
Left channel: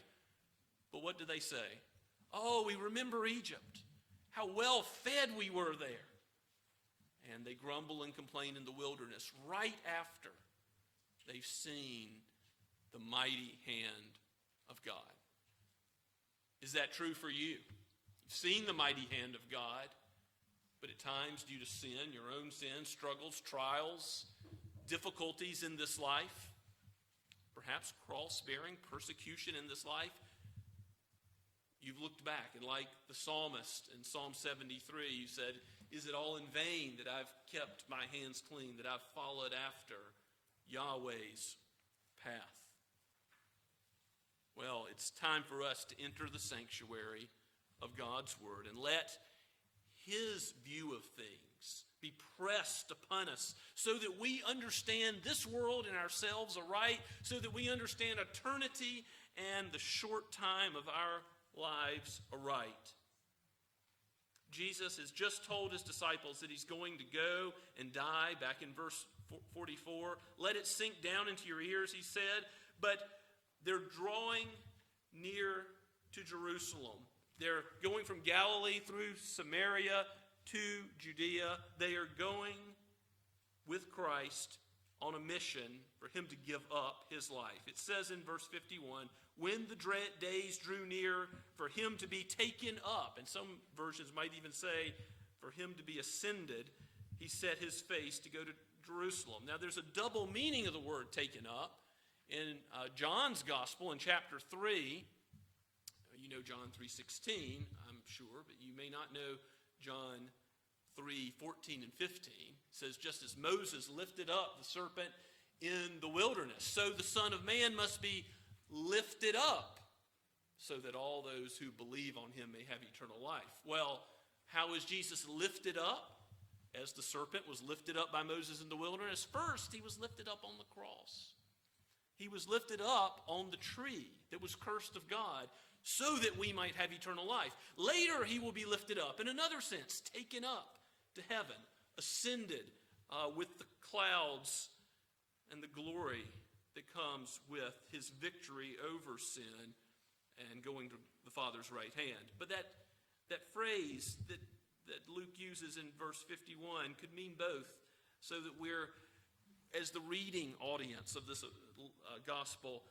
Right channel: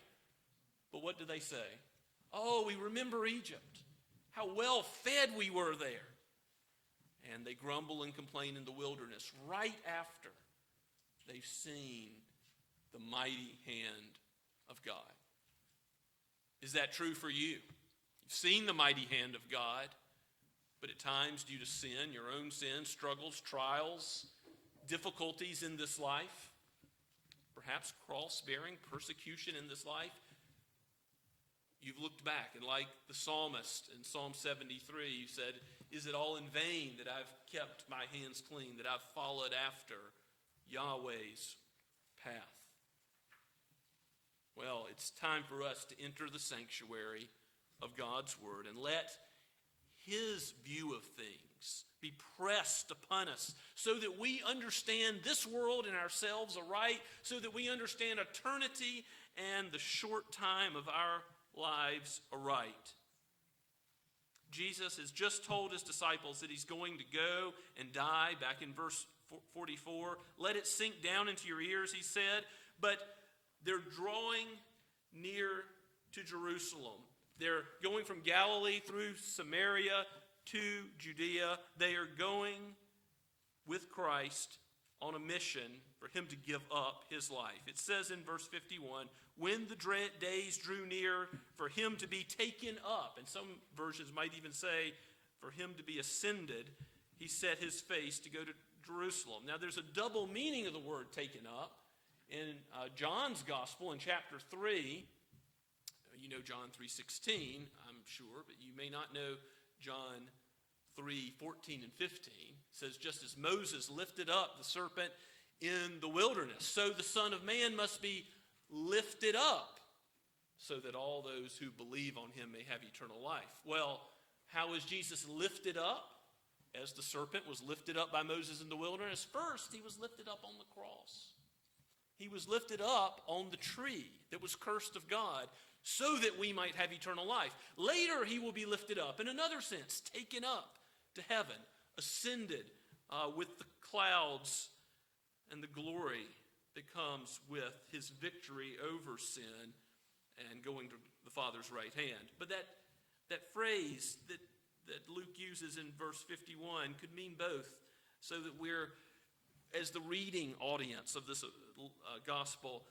But what do they say? Oh, we remember Egypt, how well fed we were there. And they grumble and complain in the wilderness right after they've seen the mighty hand of God. Is that true for you? You've seen the mighty hand of God, but at times due to sin, your own sin, struggles, trials, difficulties in this life, perhaps cross-bearing persecution in this life, you've looked back, and like the psalmist in Psalm 73, you said, is it all in vain that I've kept my hands clean, that I've followed after Yahweh's path? Well, it's time for us to enter the sanctuary of God's word and let his view of things be pressed upon us so that we understand this world and ourselves aright, so that we understand eternity and the short time of our lives aright. Jesus has just told his disciples that he's going to go and die. Back in verse 44, let it sink down into your ears, he said. But they're drawing near to Jerusalem. They're going from Galilee through Samaria to Judea. They are going with Christ on a mission for him to give up his life. It says in verse 51, when the days drew near for him to be taken up, and some versions might even say for him to be ascended, he set his face to go to Jerusalem. Now there's a double meaning of the word taken up. In John's gospel in chapter 3, you know John 3:16, I'm sure, but you may not know John 3:14 and 15. It says, just as Moses lifted up the serpent in the wilderness, so the Son of Man must be lifted up, so that all those who believe on him may have eternal life. Well, how is Jesus lifted up? As the serpent was lifted up by Moses in the wilderness, first he was lifted up on the cross. He was lifted up on the tree that was cursed of God so that we might have eternal life. Later he will be lifted up, in another sense, taken up to heaven, ascended with the clouds and the glory that comes with his victory over sin and going to the Father's right hand. But that phrase that Luke uses in verse 51 could mean both, so that we're, as the reading audience of this gospel,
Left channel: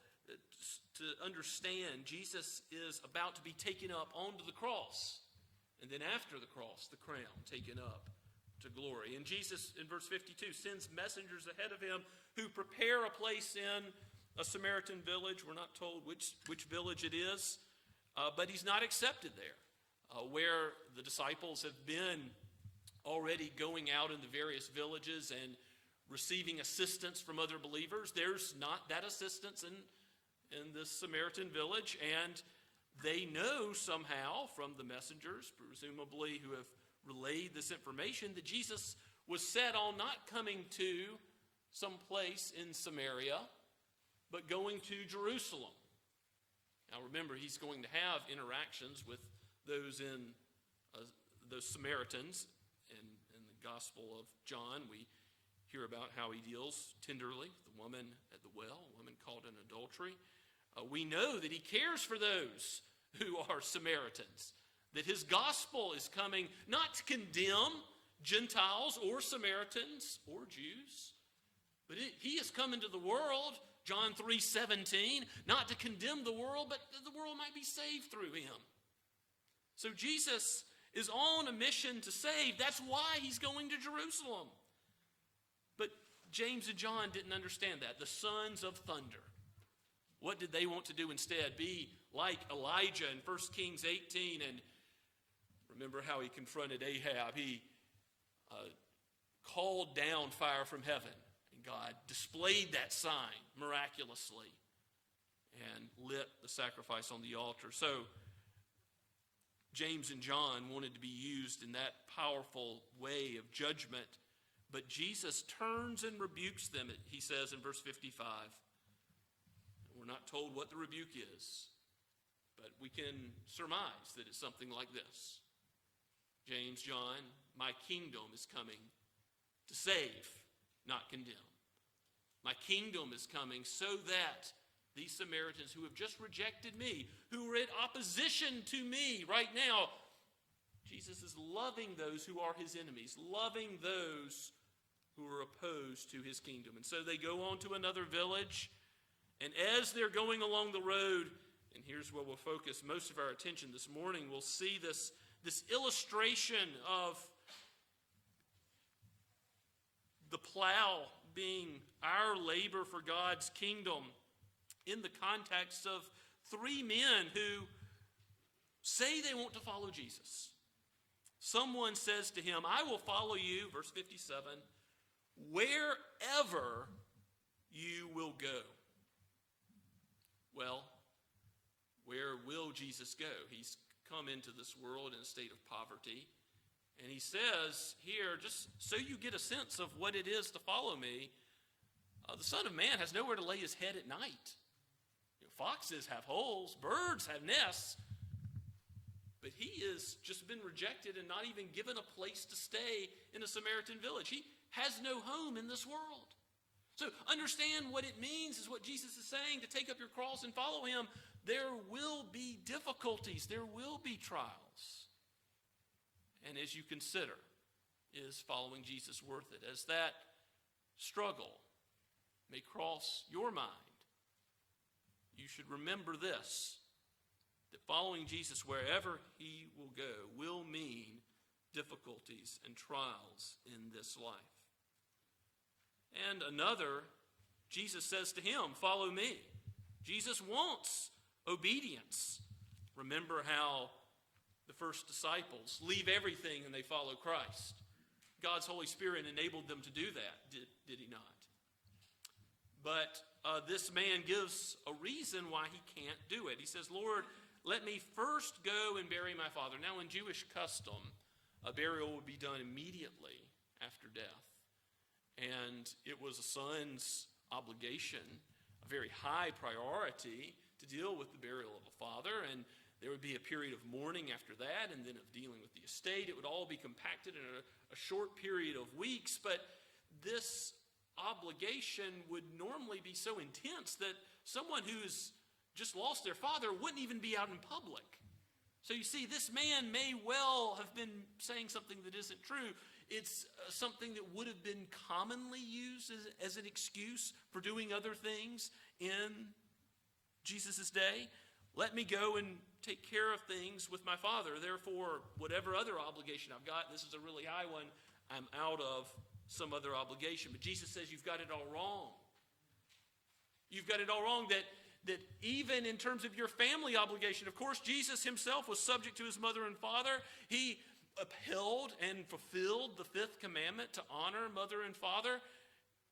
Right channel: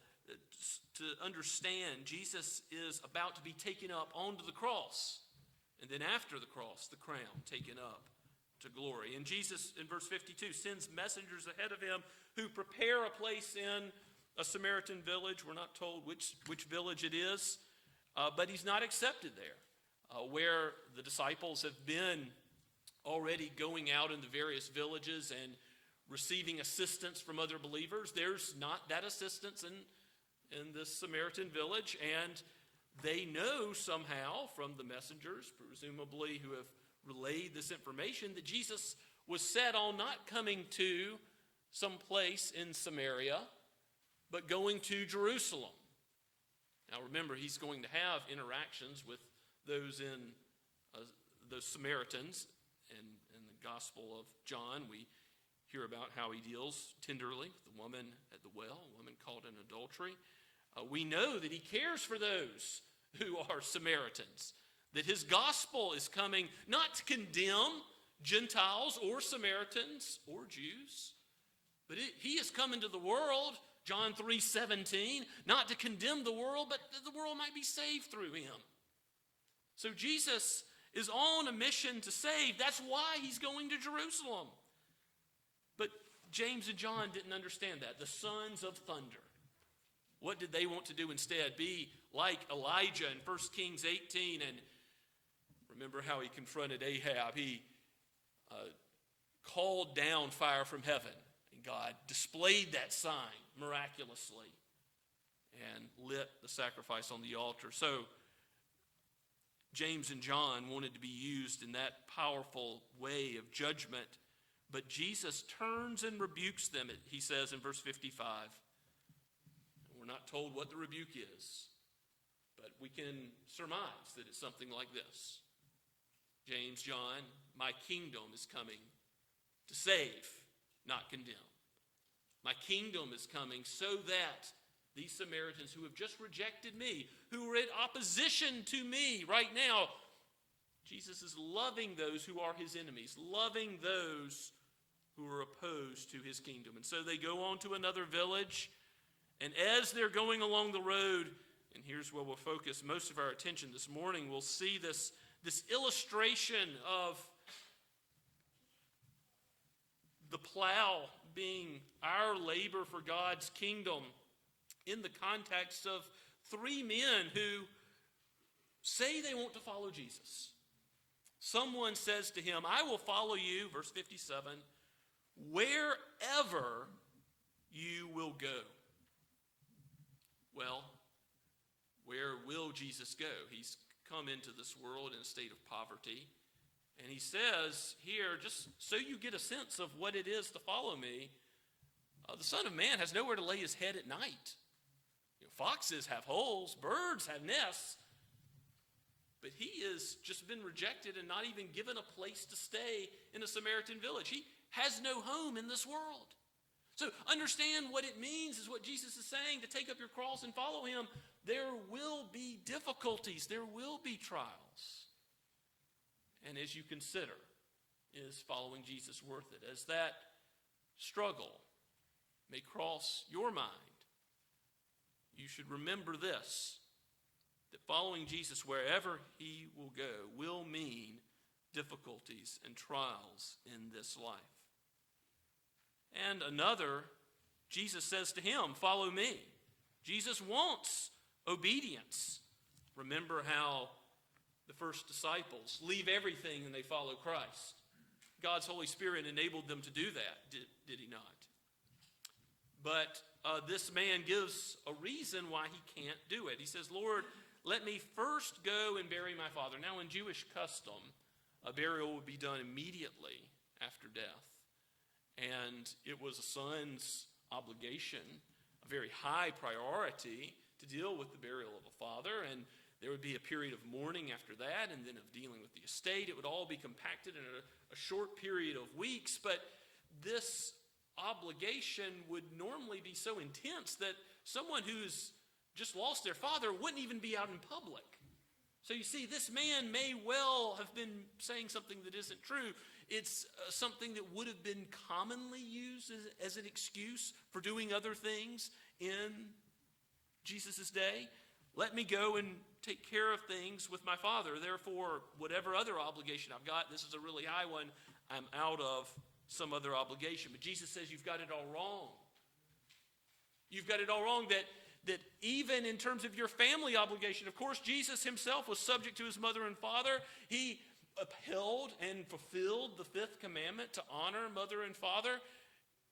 to understand Jesus is about to be taken up onto the cross, and then after the cross, the crown taken up to glory. And Jesus, in verse 52, sends messengers ahead of him who prepare a place in a Samaritan village. We're not told which village it is, but he's not accepted there. Where the disciples have been already going out into various villages and receiving assistance from other believers, there's not that assistance in this Samaritan village, and they know somehow from the messengers, presumably who have relayed this information, that Jesus was set on not coming to some place in Samaria, but going to Jerusalem. Now remember, he's going to have interactions with those those Samaritans. And in the Gospel of John, we hear about how he deals tenderly with the woman at the well, a woman caught in adultery. We know that he cares for those who are Samaritans, that his gospel is coming not to condemn Gentiles or Samaritans or Jews, but he is coming to the world, John 3:17, not to condemn the world, but that the world might be saved through him. So Jesus is on a mission to save. That's why he's going to Jerusalem. But James and John didn't understand that. The sons of thunder. What did they want to do instead? Be like Elijah in 1 Kings 18. And remember how he confronted Ahab. He called down fire from heaven. And God displayed that sign miraculously and lit the sacrifice on the altar. So James and John wanted to be used in that powerful way of judgment, but Jesus turns and rebukes them, he says in verse 55. We're not told what the rebuke is, but we can surmise that it's something like this. James, John, my kingdom is coming to save, not condemn. My kingdom is coming so that these Samaritans who have just rejected me, who are in opposition to me right now, Jesus is loving those who are his enemies, loving those who are opposed to his kingdom. And so they go on to another village, and as they're going along the road, and here's where we'll focus most of our attention this morning, we'll see this illustration of the plow being our labor for God's kingdom, in the context of three men who say they want to follow Jesus. Someone says to him, I will follow you, verse 57, wherever you will go. Well, where will Jesus go? He's come into this world in a state of poverty. And he says here, just so you get a sense of what it is to follow me, the Son of Man has nowhere to lay his head at night. Foxes have holes, birds have nests, but he has just been rejected and not even given a place to stay in a Samaritan village. He has no home in this world. So understand what it means is what Jesus is saying, to take up your cross and follow him. There will be difficulties. There will be trials. And as you consider, is following Jesus worth it? As that struggle may cross your mind, you should remember this, that following Jesus wherever he will go will mean difficulties and trials in this life. And another, Jesus says to him, follow me. Jesus wants obedience. Remember how the first disciples leave everything and they follow Christ. God's Holy Spirit enabled them to do that, did he not? But this man gives a reason why he can't do it. He says, Lord, let me first go and bury my father. Now, in Jewish custom, a burial would be done immediately after death. And it was a son's obligation, a very high priority, to deal with the burial of a father. And there would be a period of mourning after that, and then of dealing with the estate. It would all be compacted in a short period of weeks. But this obligation would normally be so intense that someone who's just lost their father wouldn't even be out in public. So you see, this man may well have been saying something that isn't true. It's something that would have been commonly used as an excuse for doing other things in Jesus' day. Let me go and take care of things with my father. Therefore, whatever other obligation I've got, this is a really high one, I'm out of some other obligation. But Jesus says you've got it all wrong. You've got it all wrong, that even in terms of your family obligation, of course, Jesus himself was subject to his mother and father. He upheld and fulfilled the fifth commandment to honor mother and father.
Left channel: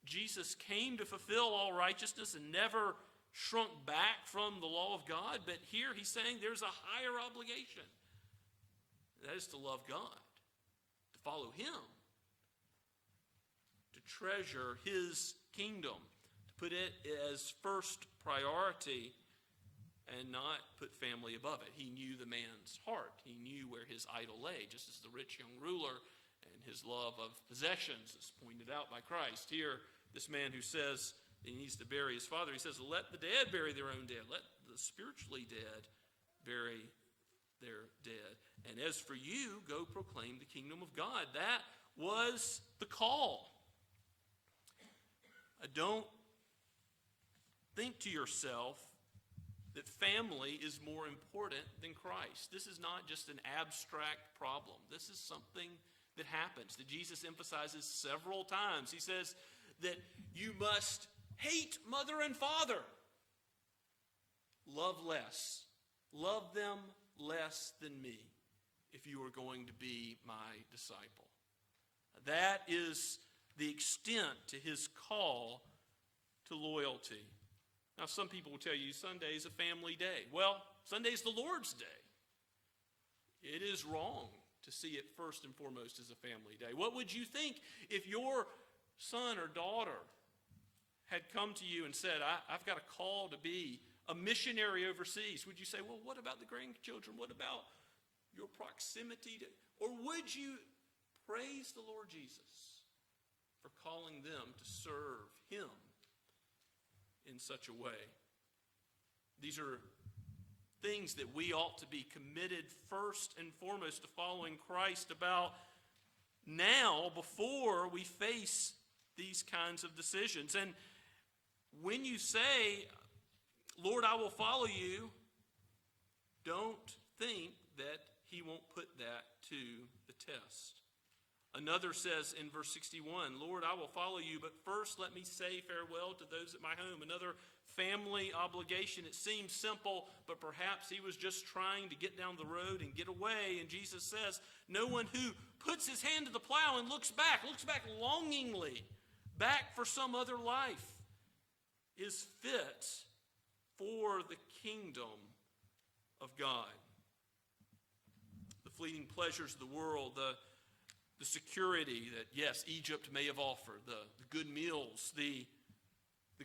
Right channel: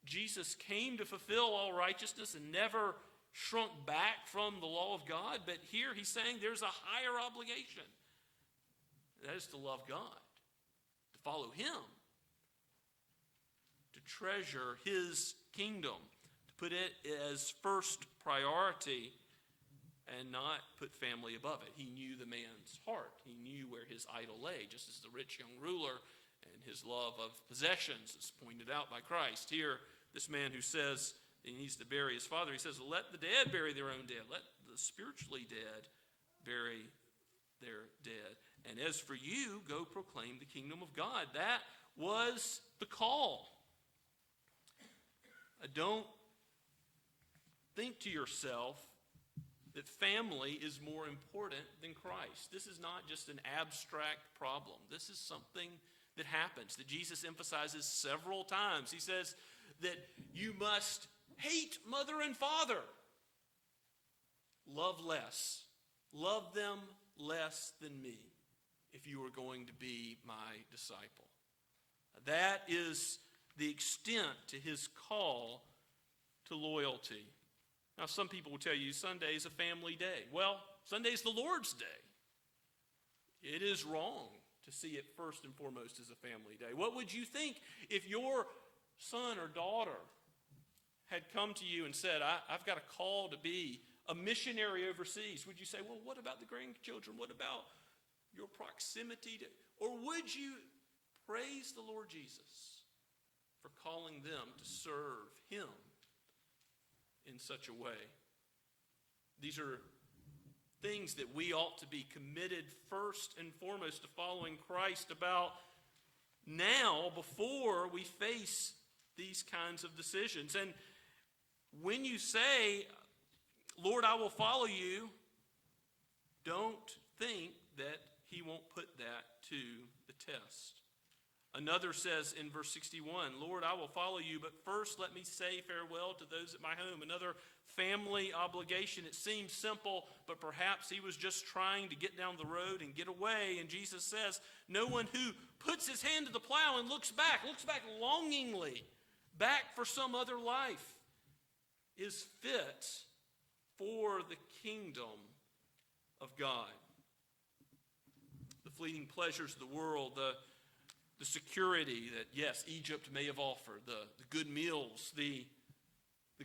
Jesus came to fulfill all righteousness and never shrunk back from the law of God. But here he's saying there's a higher obligation. That is to love God, to follow him, to treasure his kingdom, to put it as first priority and not put family above it. He knew the man's heart. He knew where his idol lay, just as the rich young ruler and his love of possessions is pointed out by Christ. Here, this man who says he needs to bury his father, he says, let the dead bury their own dead. Let the spiritually dead bury their dead. And as for you, go proclaim the kingdom of God. That was the call. Don't think to yourself that family is more important than Christ. This is not just an abstract problem. This is something that happens, that Jesus emphasizes several times. He says that you must hate mother and father. Love less. Love them less than me if you are going to be my disciple. That is the extent to his call to loyalty. Now, some people will tell you Sunday is a family day. Well, Sunday is the Lord's day. It is wrong to see it first and foremost as a family day. What would you think if your son or daughter had come to you and said, I've got a call to be a missionary overseas? Would you say, well, what about the grandchildren? What about your proximity to... Or would you praise the Lord Jesus for calling them to serve him in such a way? These are things that we ought to be committed first and foremost to following Christ about now before we face these kinds of decisions. And when you say, Lord, I will follow you, don't think that he won't put that to the test. Another says in verse 61, Lord, I will follow you, but first let me say farewell to those at my home. Another family obligation. It seems simple, but perhaps he was just trying to get down the road and get away. And Jesus says, no one who puts his hand to the plow and looks back longingly, back for some other life, is fit for the kingdom of God. The fleeting pleasures of the world, the security that, yes, Egypt may have offered, the good meals, the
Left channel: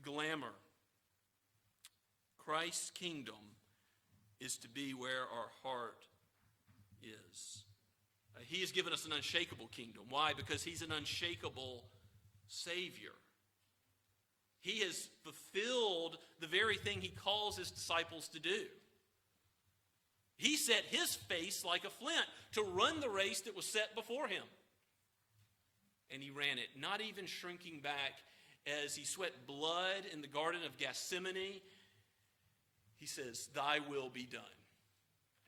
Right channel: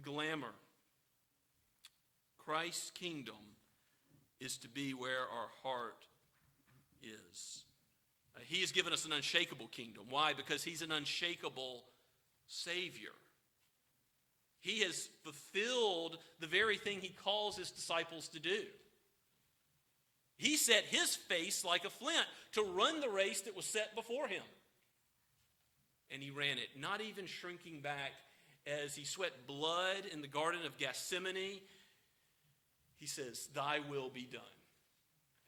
glamour. Christ's kingdom is to be where our heart is. He has given us an unshakable kingdom. Why? Because he's an unshakable Savior. He has fulfilled the very thing he calls his disciples to do. He set his face like a flint to run the race that was set before him. And he ran it, not even shrinking back as he sweat blood in the Garden of Gethsemane. He says, thy will be done,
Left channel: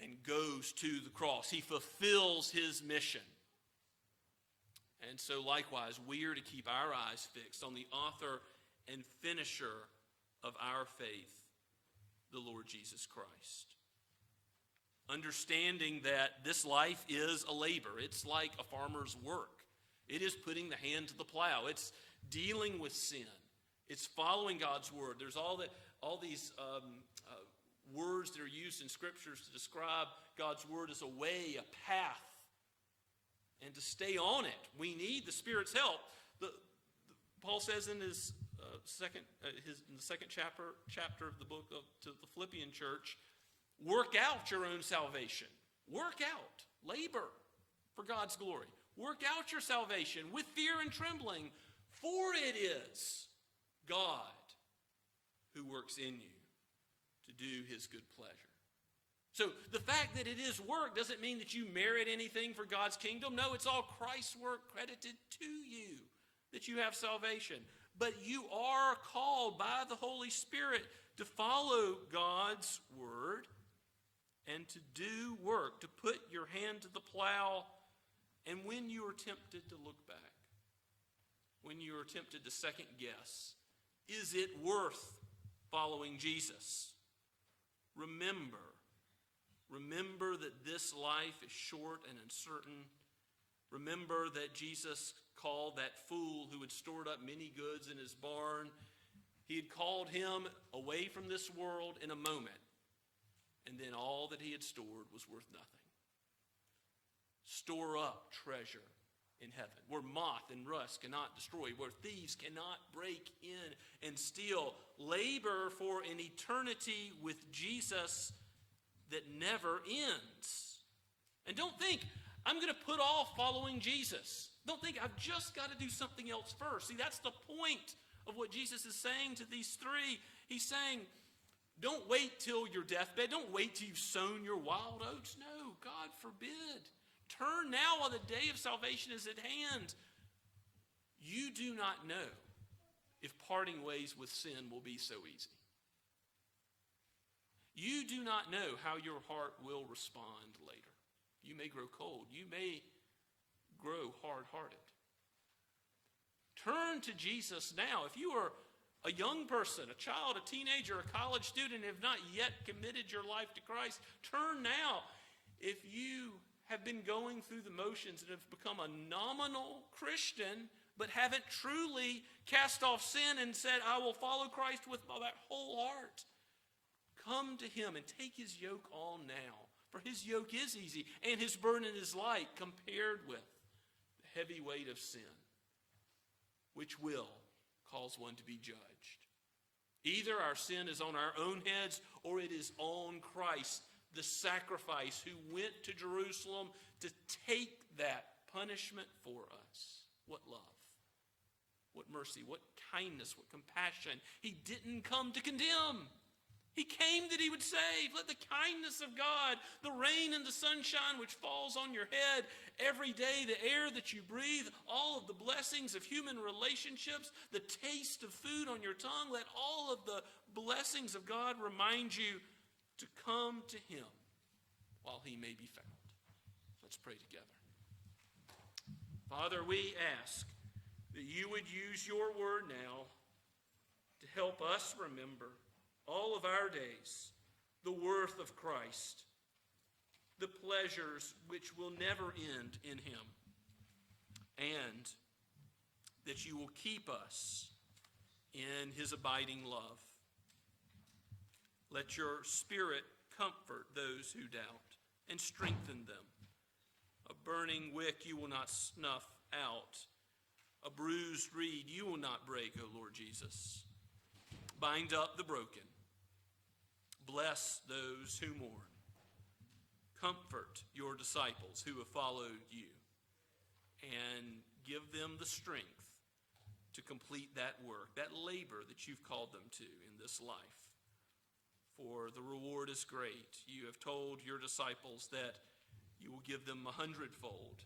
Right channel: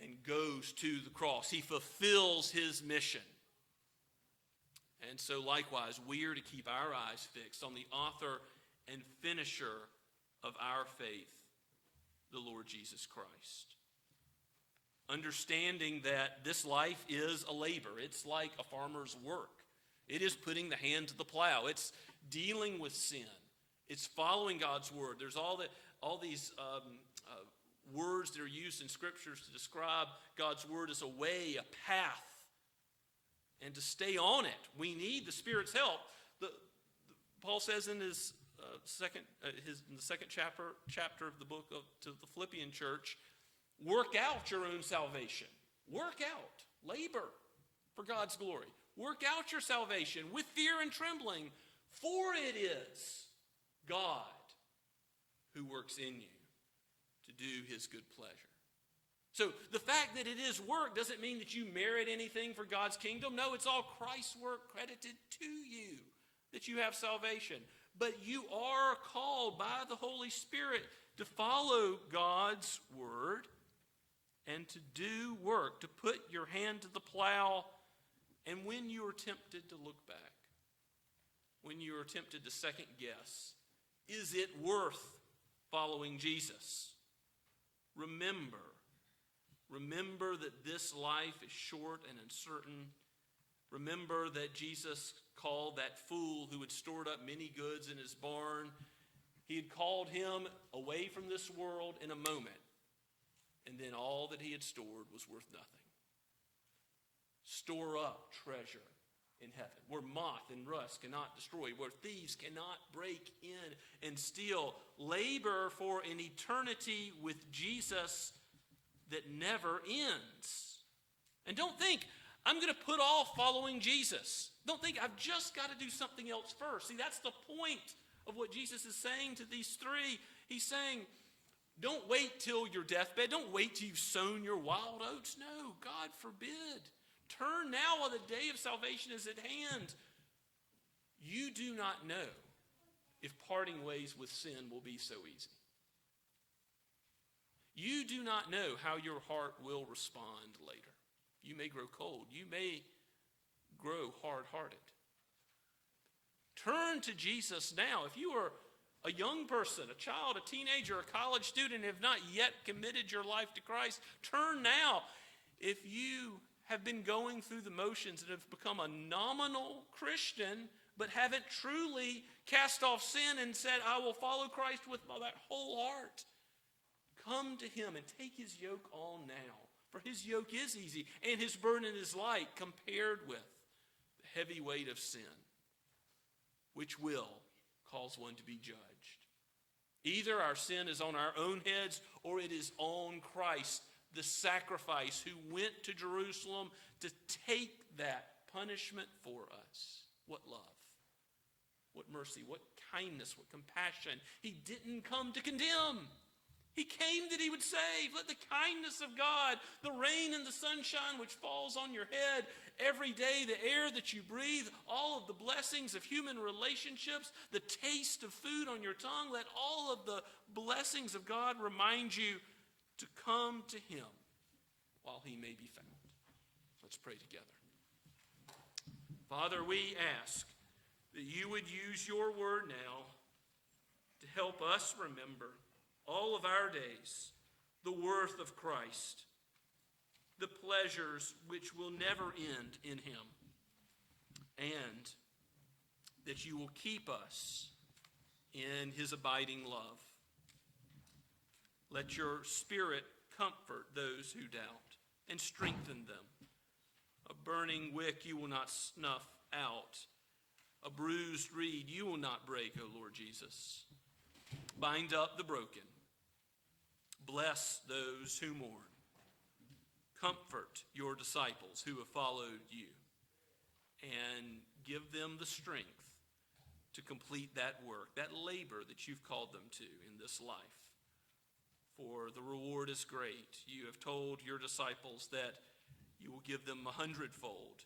and goes to the cross. He fulfills his mission. And so likewise, we are to keep our eyes fixed on the author and finisher of our faith, the Lord Jesus Christ. Understanding that this life is a labor. It's like a farmer's work. It is putting the hand to the plow. It's dealing with sin. It's following God's word. There's all these words that are used in scriptures to describe God's word as a way, a path. and to stay on it. We need the Spirit's help. Paul says in his in the second chapter of the book to the Philippian church, work out your own salvation. Work out, labor for God's glory. Work out your salvation with fear and trembling, for it is God who works in you to do his good pleasure. So the fact that it is work doesn't mean that you merit anything for God's kingdom. No, it's all Christ's work credited to you that you have salvation. But you are called by the Holy Spirit to follow God's word and to do work, to put your hand to the plow. And when you are tempted to look back, when you are tempted to second guess, is it worth following Jesus? Remember that this life is short and uncertain. Remember that Jesus called that fool who had stored up many goods in his barn. He had called him away from this world in a moment. And then all that he had stored was worth nothing. Store up treasure in heaven, where moth and rust cannot destroy, where thieves cannot break in and steal. Labor for an eternity with Jesus that never ends. And don't think, I'm going to put off following Jesus. Don't think, I've just got to do something else first. See, that's the point of what Jesus is saying to these three. He's saying, don't wait till your deathbed. Don't wait till you've sown your wild oats. No, God forbid. Turn now while the day of salvation is at hand. You do not know if parting ways with sin will be so easy. You do not know how your heart will respond later. You may grow cold. You may grow hard-hearted. Turn to Jesus now. If you are a young person, a child, a teenager, a college student, and have not yet committed your life to Christ, turn now. If you have been going through the motions and have become a nominal Christian, but haven't truly cast off sin and said, I will follow Christ with that whole heart, come to him and take his yoke on now. For his yoke is easy and his burden is light compared with the heavy weight of sin, which will cause one to be judged. Either our sin is on our own heads or it is on Christ, the sacrifice who went to Jerusalem to take that punishment for us. What love, what mercy, what kindness, what compassion. He didn't come to condemn. He came that he would save. Let the kindness of God, the rain and the sunshine which falls on your head every day, the air that you breathe, all of the blessings of human relationships, the taste of food on your tongue, let all of the blessings of God remind you to come to him while he may be found. Let's pray together. Father, we ask that you would use your word now to help us remember all of our days the worth of Christ, the pleasures which will never end in him, and that you will keep us in his abiding love. Let your Spirit comfort those who doubt and strengthen them. A burning wick you will not snuff out. A bruised reed you will not break, O Lord Jesus. Bind up the broken. Bless those who mourn. Comfort your disciples who have followed you. And give them the strength to complete that work, that labor that you've called them to in this life. For the reward is great. You have told your disciples that you will give them 100-fold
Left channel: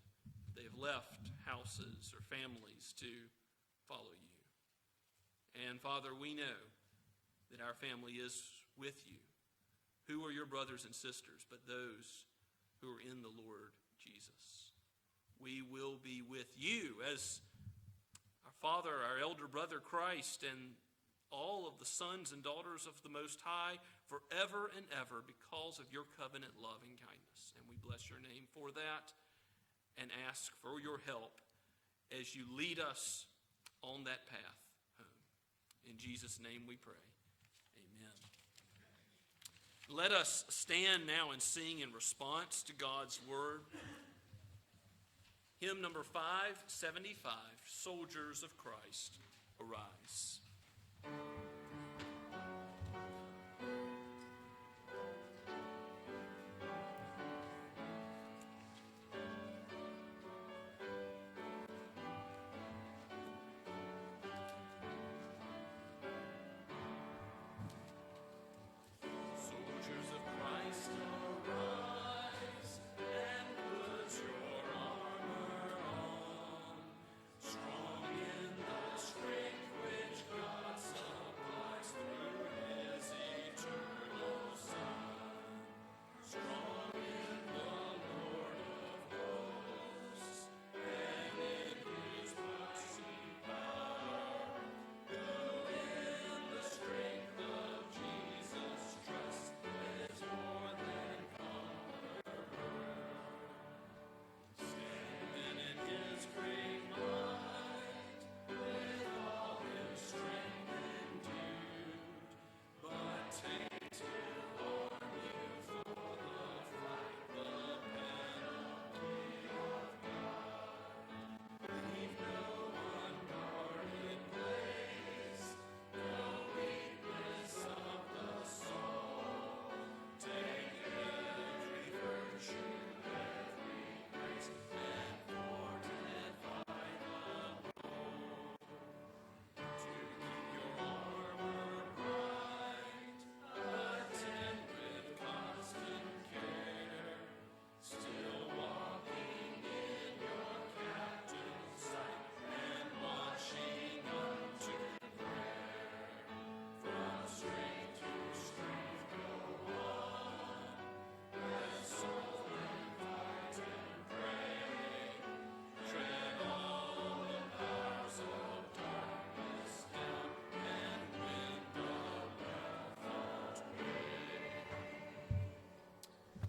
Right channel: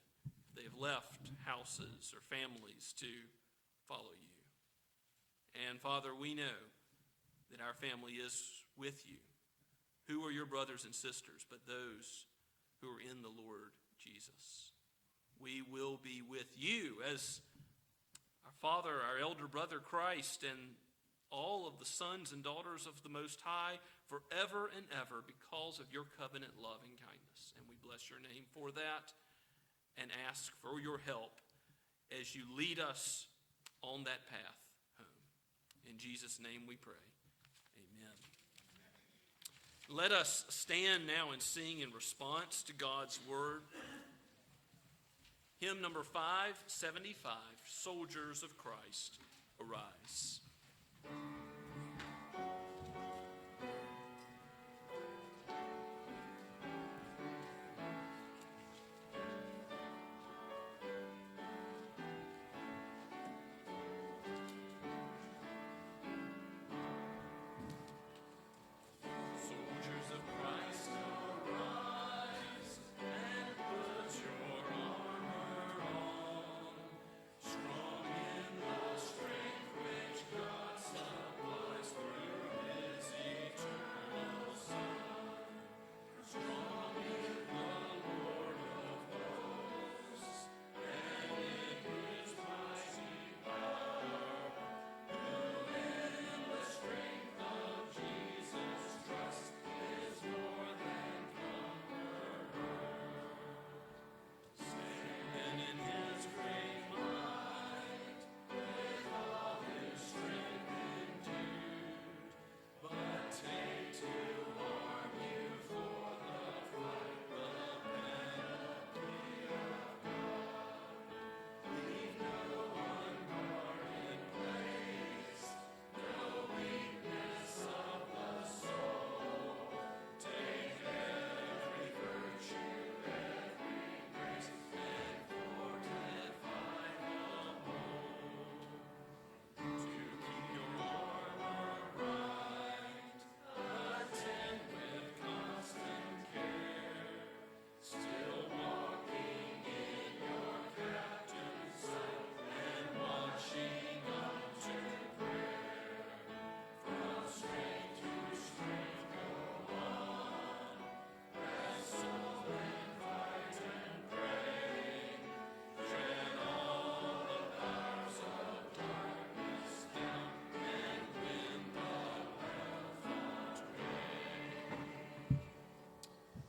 if they have left houses or families to follow you. And Father, we know that our family is with you. Who are your brothers and sisters but those who are in the Lord Jesus? We will be with you as our Father, our elder brother Christ, and all of the sons and daughters of the Most High forever and ever because of your covenant love and kindness. And we bless your name for that and ask for your help as you lead us on that path home. In Jesus' name we pray. Amen. Let us stand now and sing in response to God's word. hymn number 575, Soldiers of Christ, Arise.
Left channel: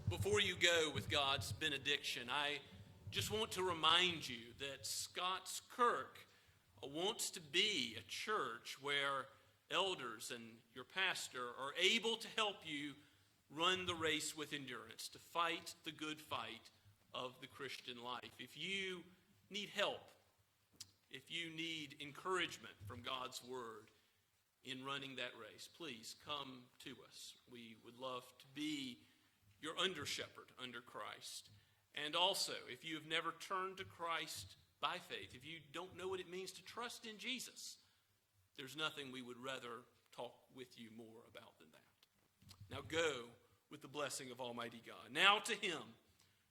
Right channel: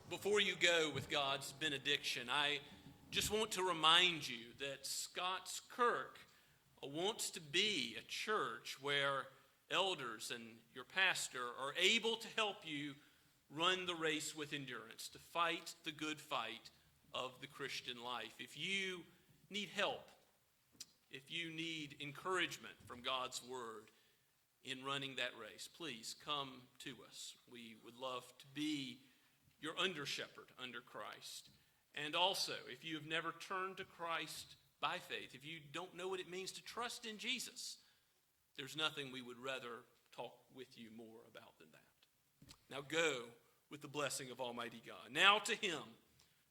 Before you go with God's benediction, I just want to remind you that Scots Kirk wants to be a church where elders and your pastor are able to help you run the race with endurance, to fight the good fight of the Christian life. If you need help, if you need encouragement from God's word in running that race, please come to us. We would love to be your under-shepherd under Christ. And also, if you have never turned to Christ by faith, if you don't know what it means to trust in Jesus, there's nothing we would rather talk with you more about than that. Now go with the blessing of Almighty God. Now to him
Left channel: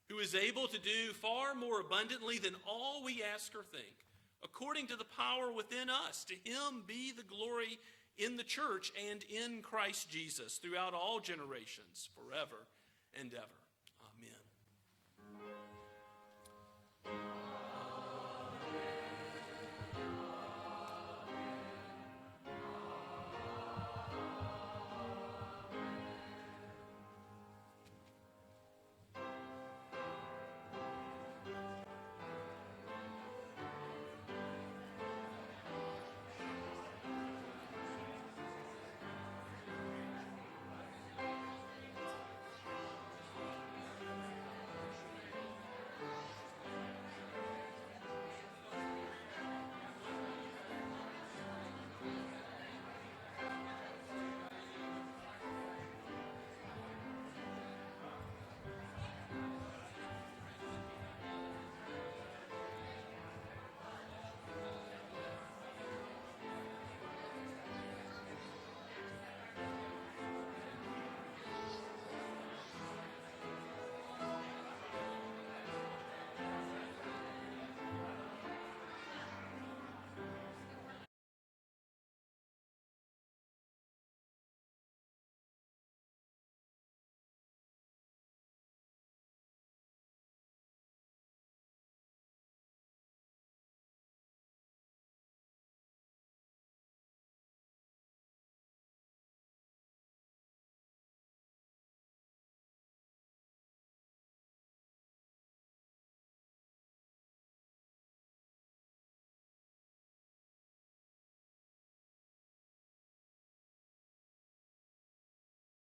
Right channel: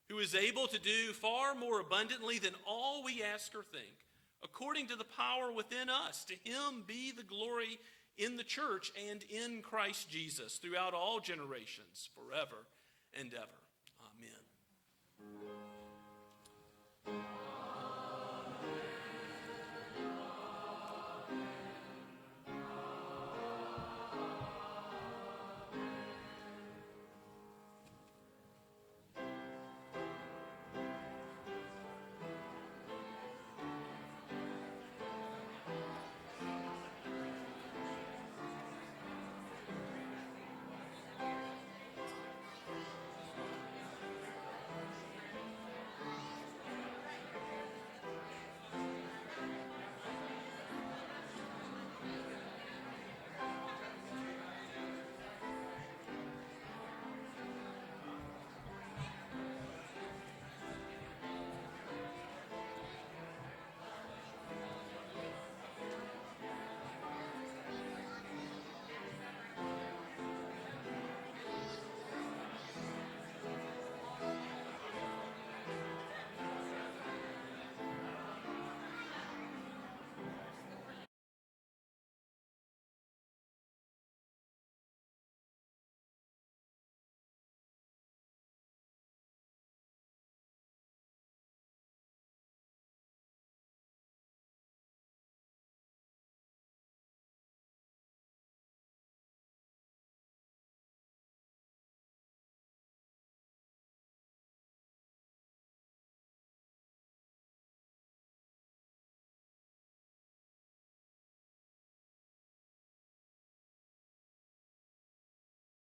who is able to do far more abundantly than all we ask or think, according to the power within us, to him be the glory in the church and in Christ Jesus throughout all generations, forever and ever. Amen.